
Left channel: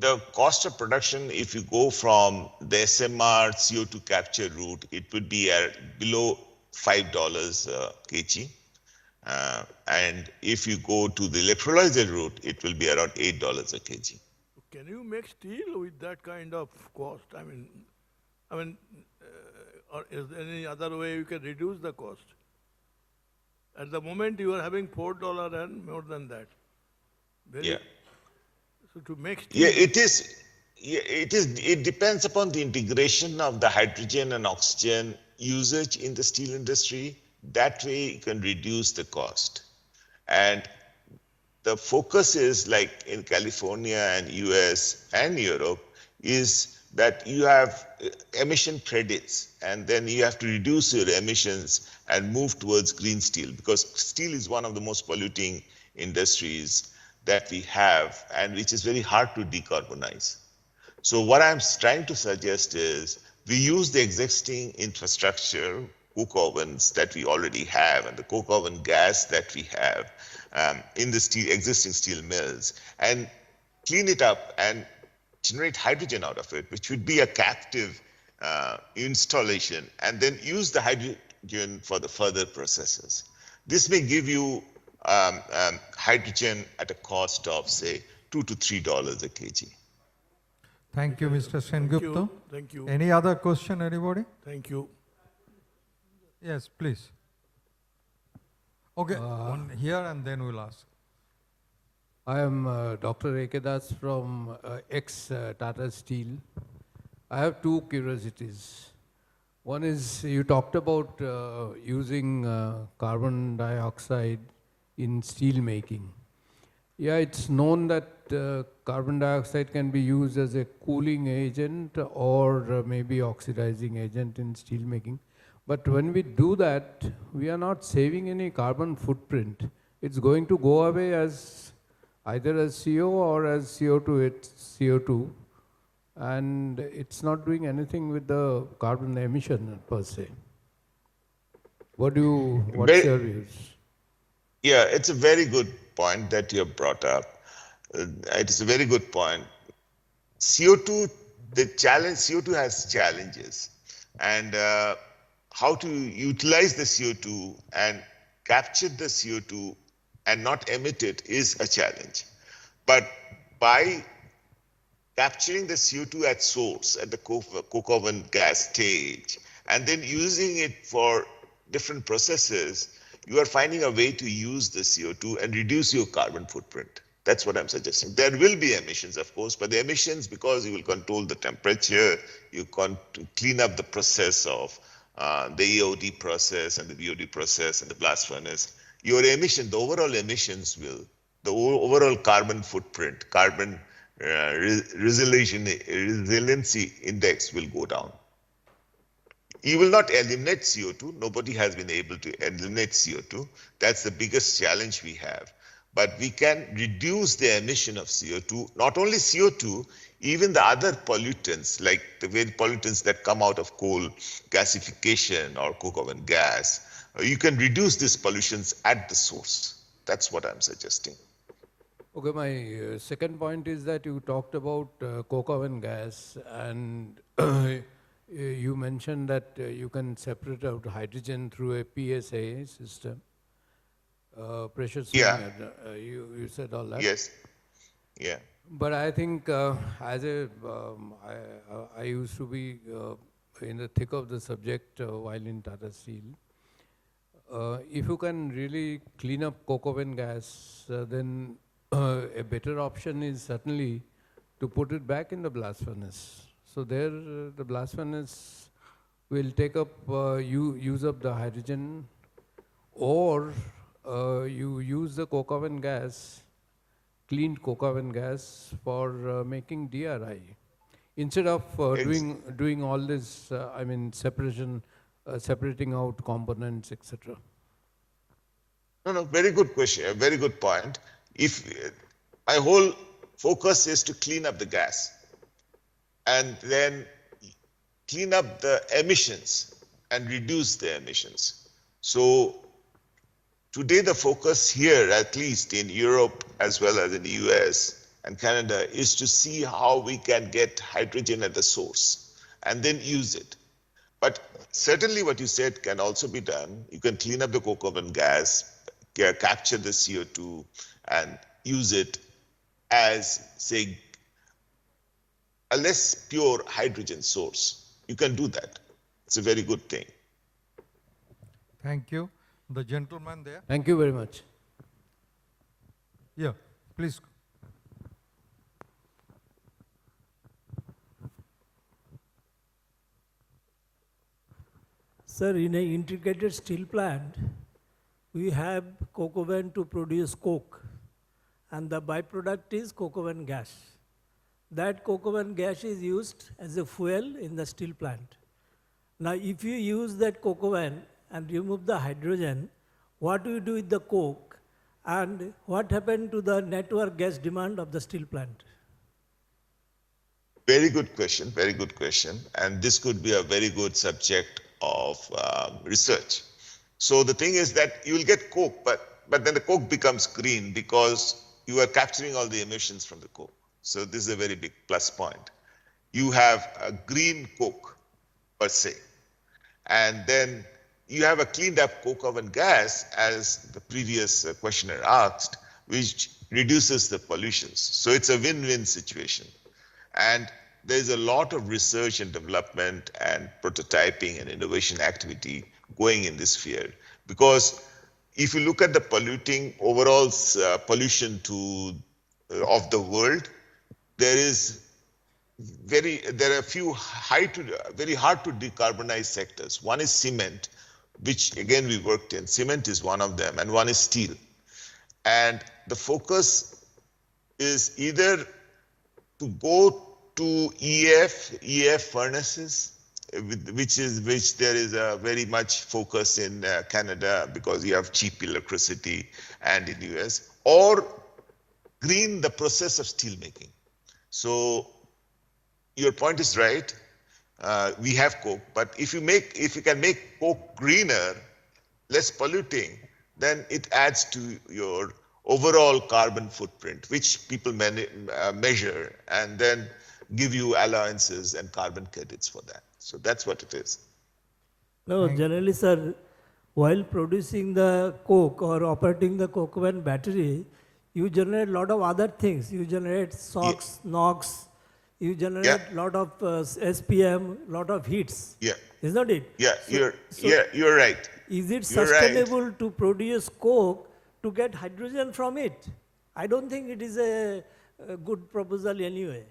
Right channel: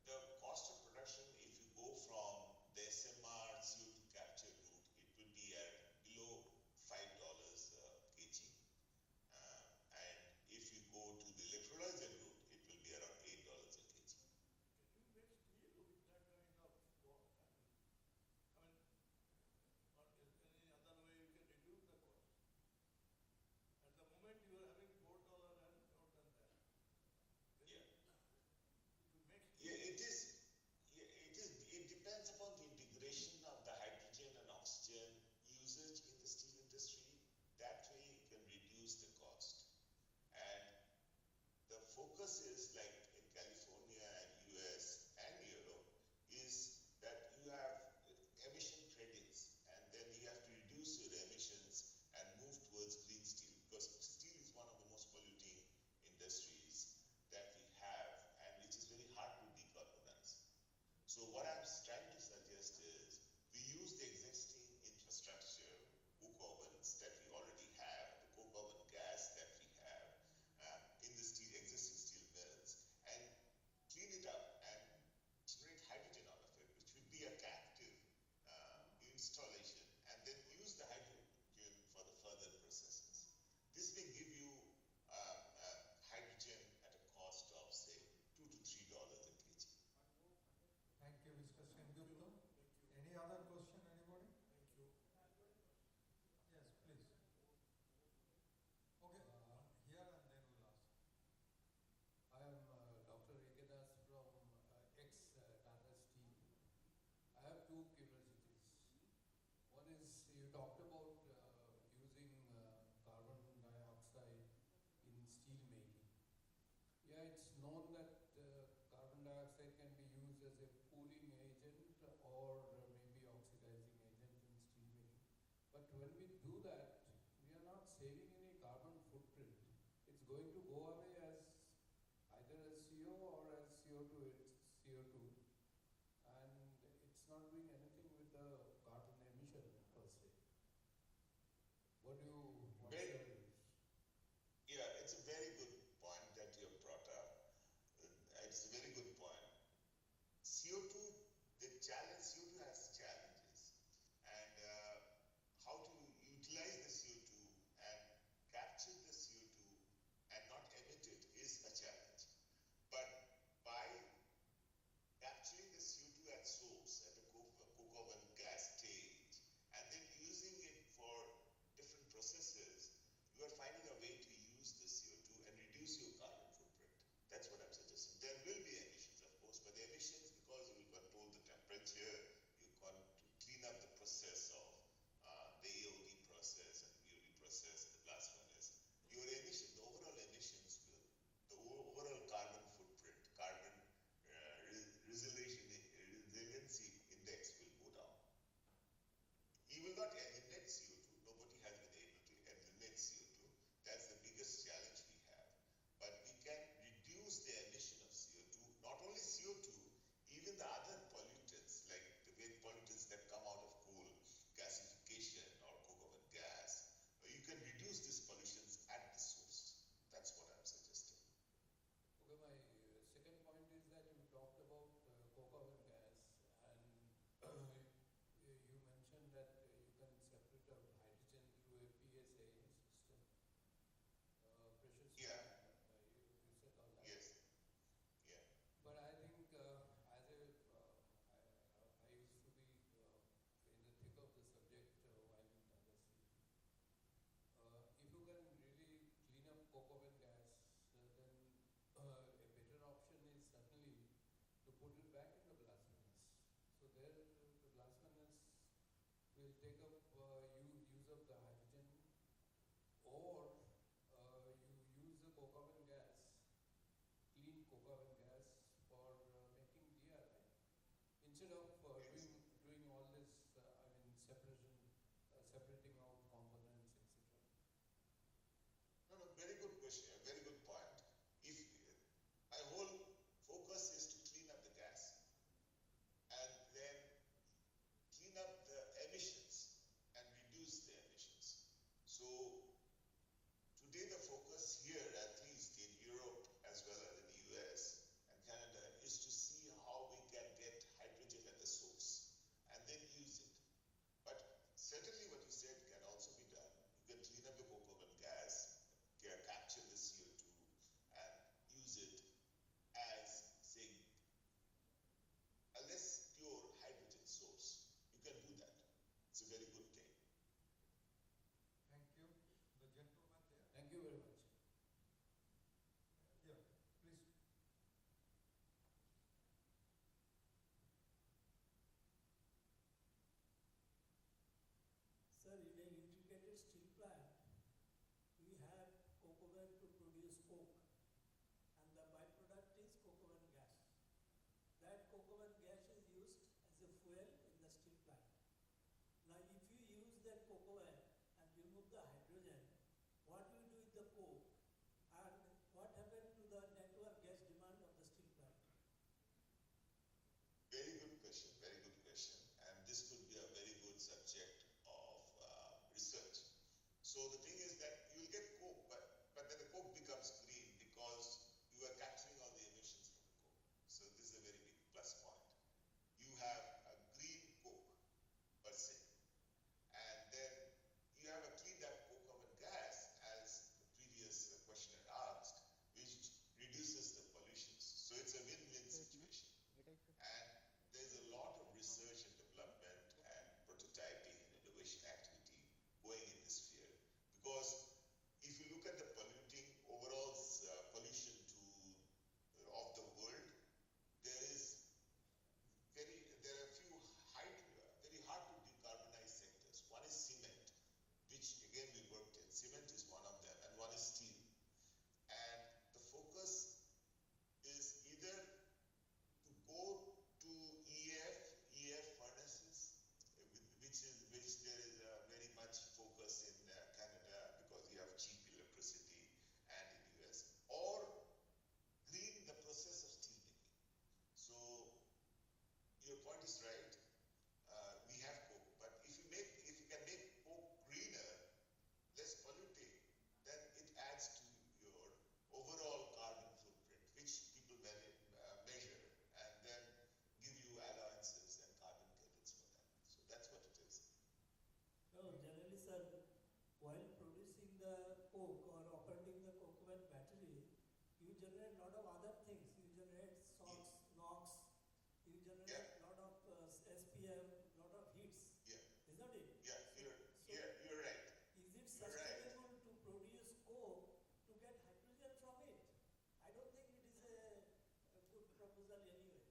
The cost of production, if you go from the SMR CO2 capture route, it would be below $5 kg. And if you go to the electrolyzer route, it will be around $8 a kg. Can you make steel with that kind of cost? I mean, or is there any other way you can reduce the cost? At the moment, you are having $4 and more than that. So to make steel. It depends upon the integration of the hydrogen and oxygen usage in the steel industry. That way you can reduce the cost. And the focus is, like in California and US and Europe, is that you have emission credits, and then you have to reduce your emissions and move towards green steel, because steel is one of the most polluting industries that we have, and which is very hard to decarbonize. So what I'm trying to suggest is we use the existing infrastructure, coke ovens that we already have, and the coke oven gas that we have in the existing steel mills, and clean it up and generate hydrogen out of it, which would be a captive installation, and then use the hydrogen for the further processes. This may give you hydrogen at a cost of, say, $2 to $3 a kg. Thank you, Mr. Sengupta. Thank you. Any other question, anybody? Thank you. Yes, please. Okay, one here and then we'll ask. I am Dr. Ekedas from ex-Tata Steel. I have two curiosities. One is, you talked about using carbon dioxide in steel making. Yeah, it's known that carbon dioxide can be used as a cooling agent or maybe oxidizing agent in steel making. But when we do that, we are not saving any carbon footprint. It's going to go away as either as CO or as CO2, it's CO2. And it's not doing anything with the carbon emission per se. What's your views? Yeah, it's a very good point that you have brought up. it is a very good point. CO2, the challenge, CO2 has challenges, and how to utilize the CO2 and capture the CO2 and not emit it is a challenge. But by capturing the CO2 at source, at the coke oven gas stage, and then using it for different processes, you are finding a way to use the CO2 and reduce your carbon footprint. That's what I'm suggesting. There will be emissions, of course, but the emissions, because you will control the temperature, you can clean up the process of the EOD process and the BOD process and the blast furnace. Your emission, the overall emissions will, the overall carbon footprint, carbon resiliency index will go down. You will not eliminate CO2. Nobody has been able to eliminate CO2. That's the biggest challenge we have. But we can reduce the emission of CO2, not only CO2, even the other pollutants, like the very pollutants that come out of coal gasification or coke oven gas. You can reduce these pollutions at the source. That's what I'm suggesting. Okay, my second point is that you talked about coke oven gas, and you mentioned that you can separate out hydrogen through a PSA system. Pressure swing, Yeah. You said all that. Yes. Yeah. But I think as a, I used to be in the thick of the subject while in Tata Steel. If you can really clean up coke oven gas, then a better option is certainly to put it back in the blast furnace. So there, the blast furnace will take up, use up the hydrogen, or you use the coke oven gas, cleaned coke oven gas for making DRI. Instead of doing all this, I mean, separating out components, etc. No, very good question, a very good point. If my whole focus is to clean up the gas and then clean up the emissions and reduce the emissions. So today the focus here, at least in Europe as well as in the US and Canada, is to see how we can get hydrogen at the source and then use it. But certainly what you said can also be done. You can clean up the coke oven gas, capture the CO2 and use it as, say, a less pure hydrogen source. You can do that. It's a very good thing. Thank you. The gentleman there. Thank you very much. Yeah, please. Sir, in an integrated steel plant, we have coke oven to produce coke, and the byproduct is coke oven gas. That coke oven gas is used as a fuel in the steel plant. Now, if you use that coke oven and remove the hydrogen, what do you do with the coke, and what happened to the network gas demand of the steel plant? Very good question, very good question. And this could be a very good subject of research. So the thing is that you will get coke, but then the coke becomes green because you are capturing all the emissions from the coke. So this is a very big plus point. You have a green coke per se, and then you have a cleaned up coke oven gas, as the previous questioner asked, which reduces the pollutions. So it's a win-win situation. And there's a lot of research and development and prototyping and innovation activity going in this field. Because if you look at the polluting overall pollution of the world, there are a few very hard to decarbonize sectors. One is cement, which again we worked in. Cement is one of them, and one is steel. And the focus is either to go to EF furnaces, which there is a very much focus in Canada because you have cheap electricity, and in the US, or green the process of steel making. So your point is right. We have coke, but if you can make coke greener, less polluting, then it adds to your overall carbon footprint, which people measure and then give you allowances and carbon credits for that. So that's what it is. No, generally, sir, while producing the coke or operating the coke oven battery, you generate a lot of other things. You generate SOx, NOx, you generate a lot of SPM, lot of heats. Yeah. Isn't it? Yeah, So you're right. is it You're right. sustainable to produce coke to get hydrogen from it? I don't think it is a good proposal anyway.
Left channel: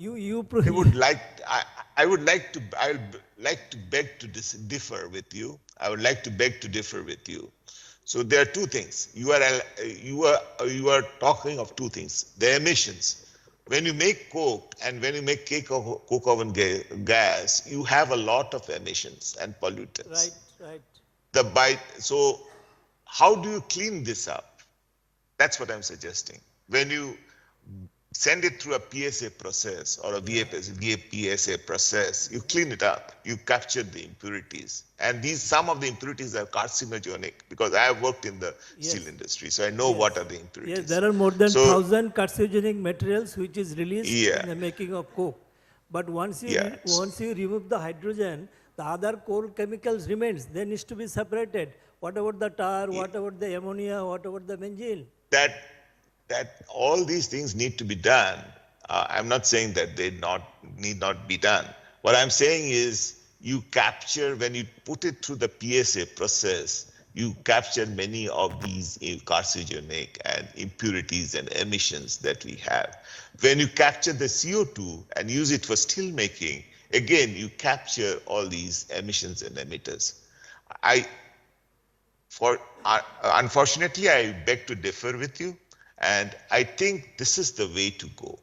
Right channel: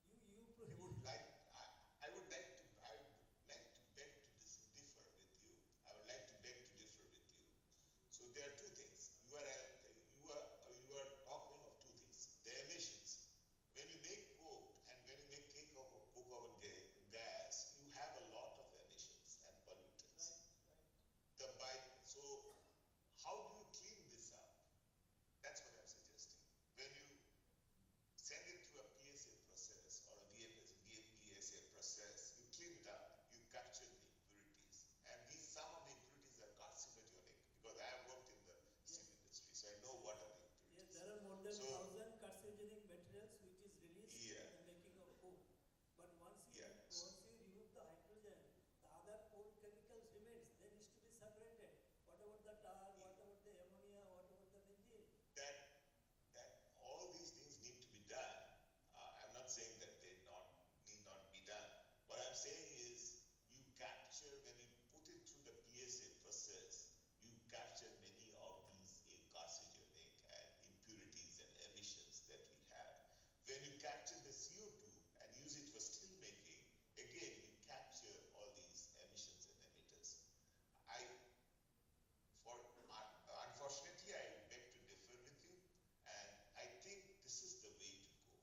I would like to beg to differ with you. I would like to beg to differ with you. So there are two things. You are talking of two things. The emissions. When you make coke and when you make coke oven gas, you have a lot of emissions and pollutants. Right. So how do you clean this up? That's what I'm suggesting. When you send it through a PSA process or a VAPSA process, you clean it up, you capture the impurities. And some of the impurities are carcinogenic because I have worked in the steel industry, so I know what are the impurities. Yes, there are more than 1,000 carcinogenic materials which is released in the making of coke. But once you remove the hydrogen, the other core chemicals remains. They need to be separated. What about the tar, what about the ammonia, what about the benzene? That all these things need to be done. I'm not saying that they need not be done. What I'm saying is you capture, when you put it through the PSA process, you capture many of these carcinogenic and impurities and emissions that we have. When you capture the CO2 and use it for steel making, again, you capture all these emissions and emitters. Unfortunately, I beg to differ with you. And I think this is the way to go,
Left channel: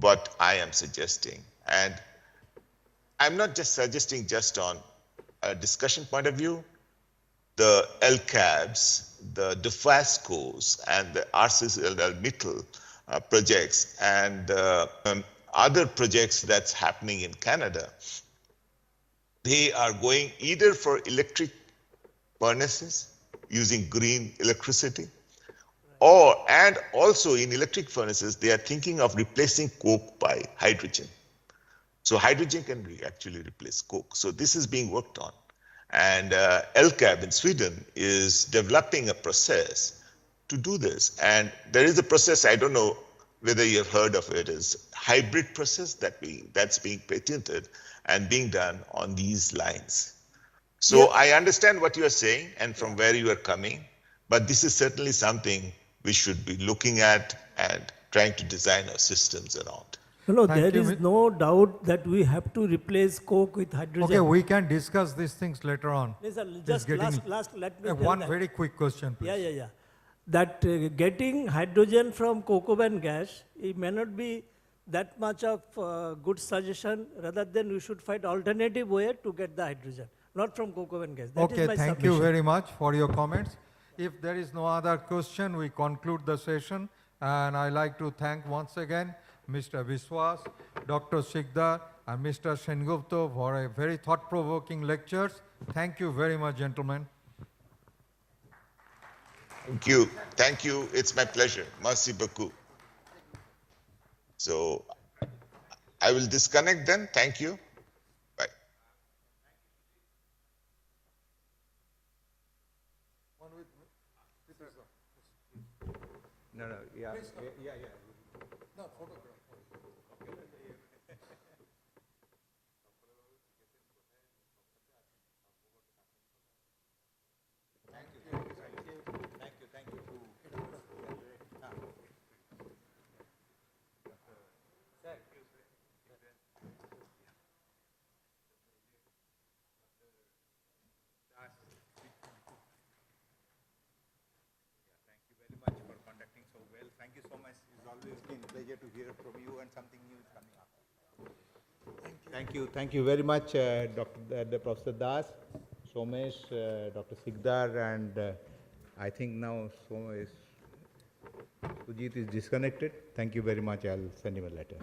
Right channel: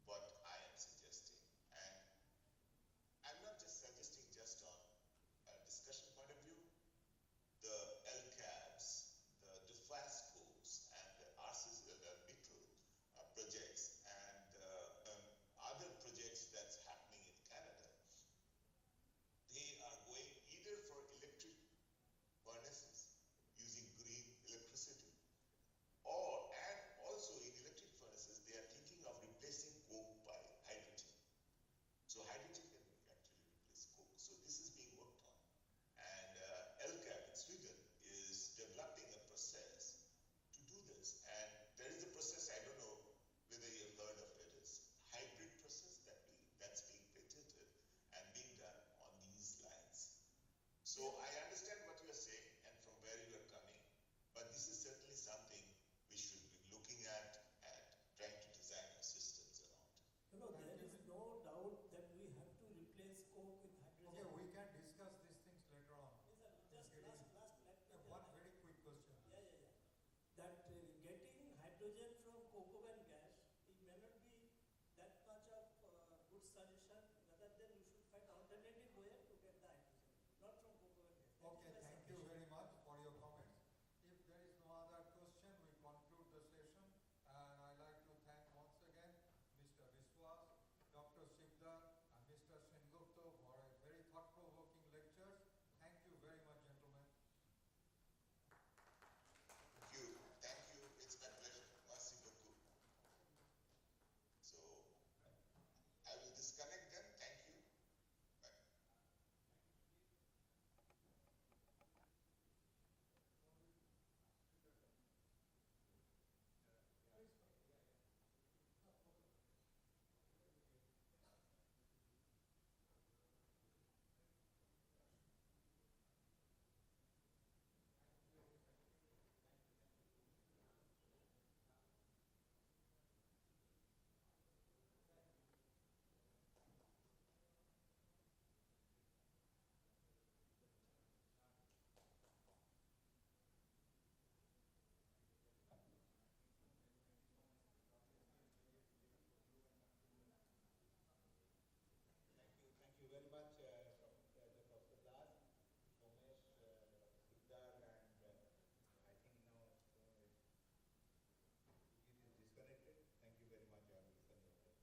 what I am suggesting. And I'm not just suggesting just on a discussion point of view. The LCABs, the DeFascos, and the ArcelorMittal projects, and other projects that's happening in Canada, they are going either for electric furnaces using green electricity, and also in electric furnaces, they are thinking of replacing coke by hydrogen. So hydrogen can actually replace coke. So this is being worked on. And LCAB in Sweden is developing a process to do this. And there is a process, I don't know whether you've heard of it, is hybrid process that's being patented and being done on these lines. So I understand what you are saying and from where you are coming, but this is certainly something we should be looking at and trying to design our systems around. No, there is no doubt that we have to replace coke with hydrogen. Okay, we can discuss these things later on. Just last, let me tell one that. very quick question, please. Yeah. That getting hydrogen from coke oven gas, it may not be that much of good suggestion. Rather than we should find alternative way to get the hydrogen, not from coke oven gas. That is my thank submission. you very much for your comments. If there is no other question, we conclude the session. And I like to thank once again Mr. Biswas, Dr. Sikdar, and Mr. Sengupta for a very thought-provoking lectures. Thank you very much, gentlemen. Thank you. Thank you. It's my pleasure. Merci beaucoup. So I will disconnect then. Thank you. Bye. No, yeah. No, photograph. Thank you so much. It's always been a pleasure to hear from you and something new is coming up. Thank you very much, Professor Das, Somesh, Dr. Sikdar, and I think now Sujit is disconnected. Thank you very much. I'll send him a letter.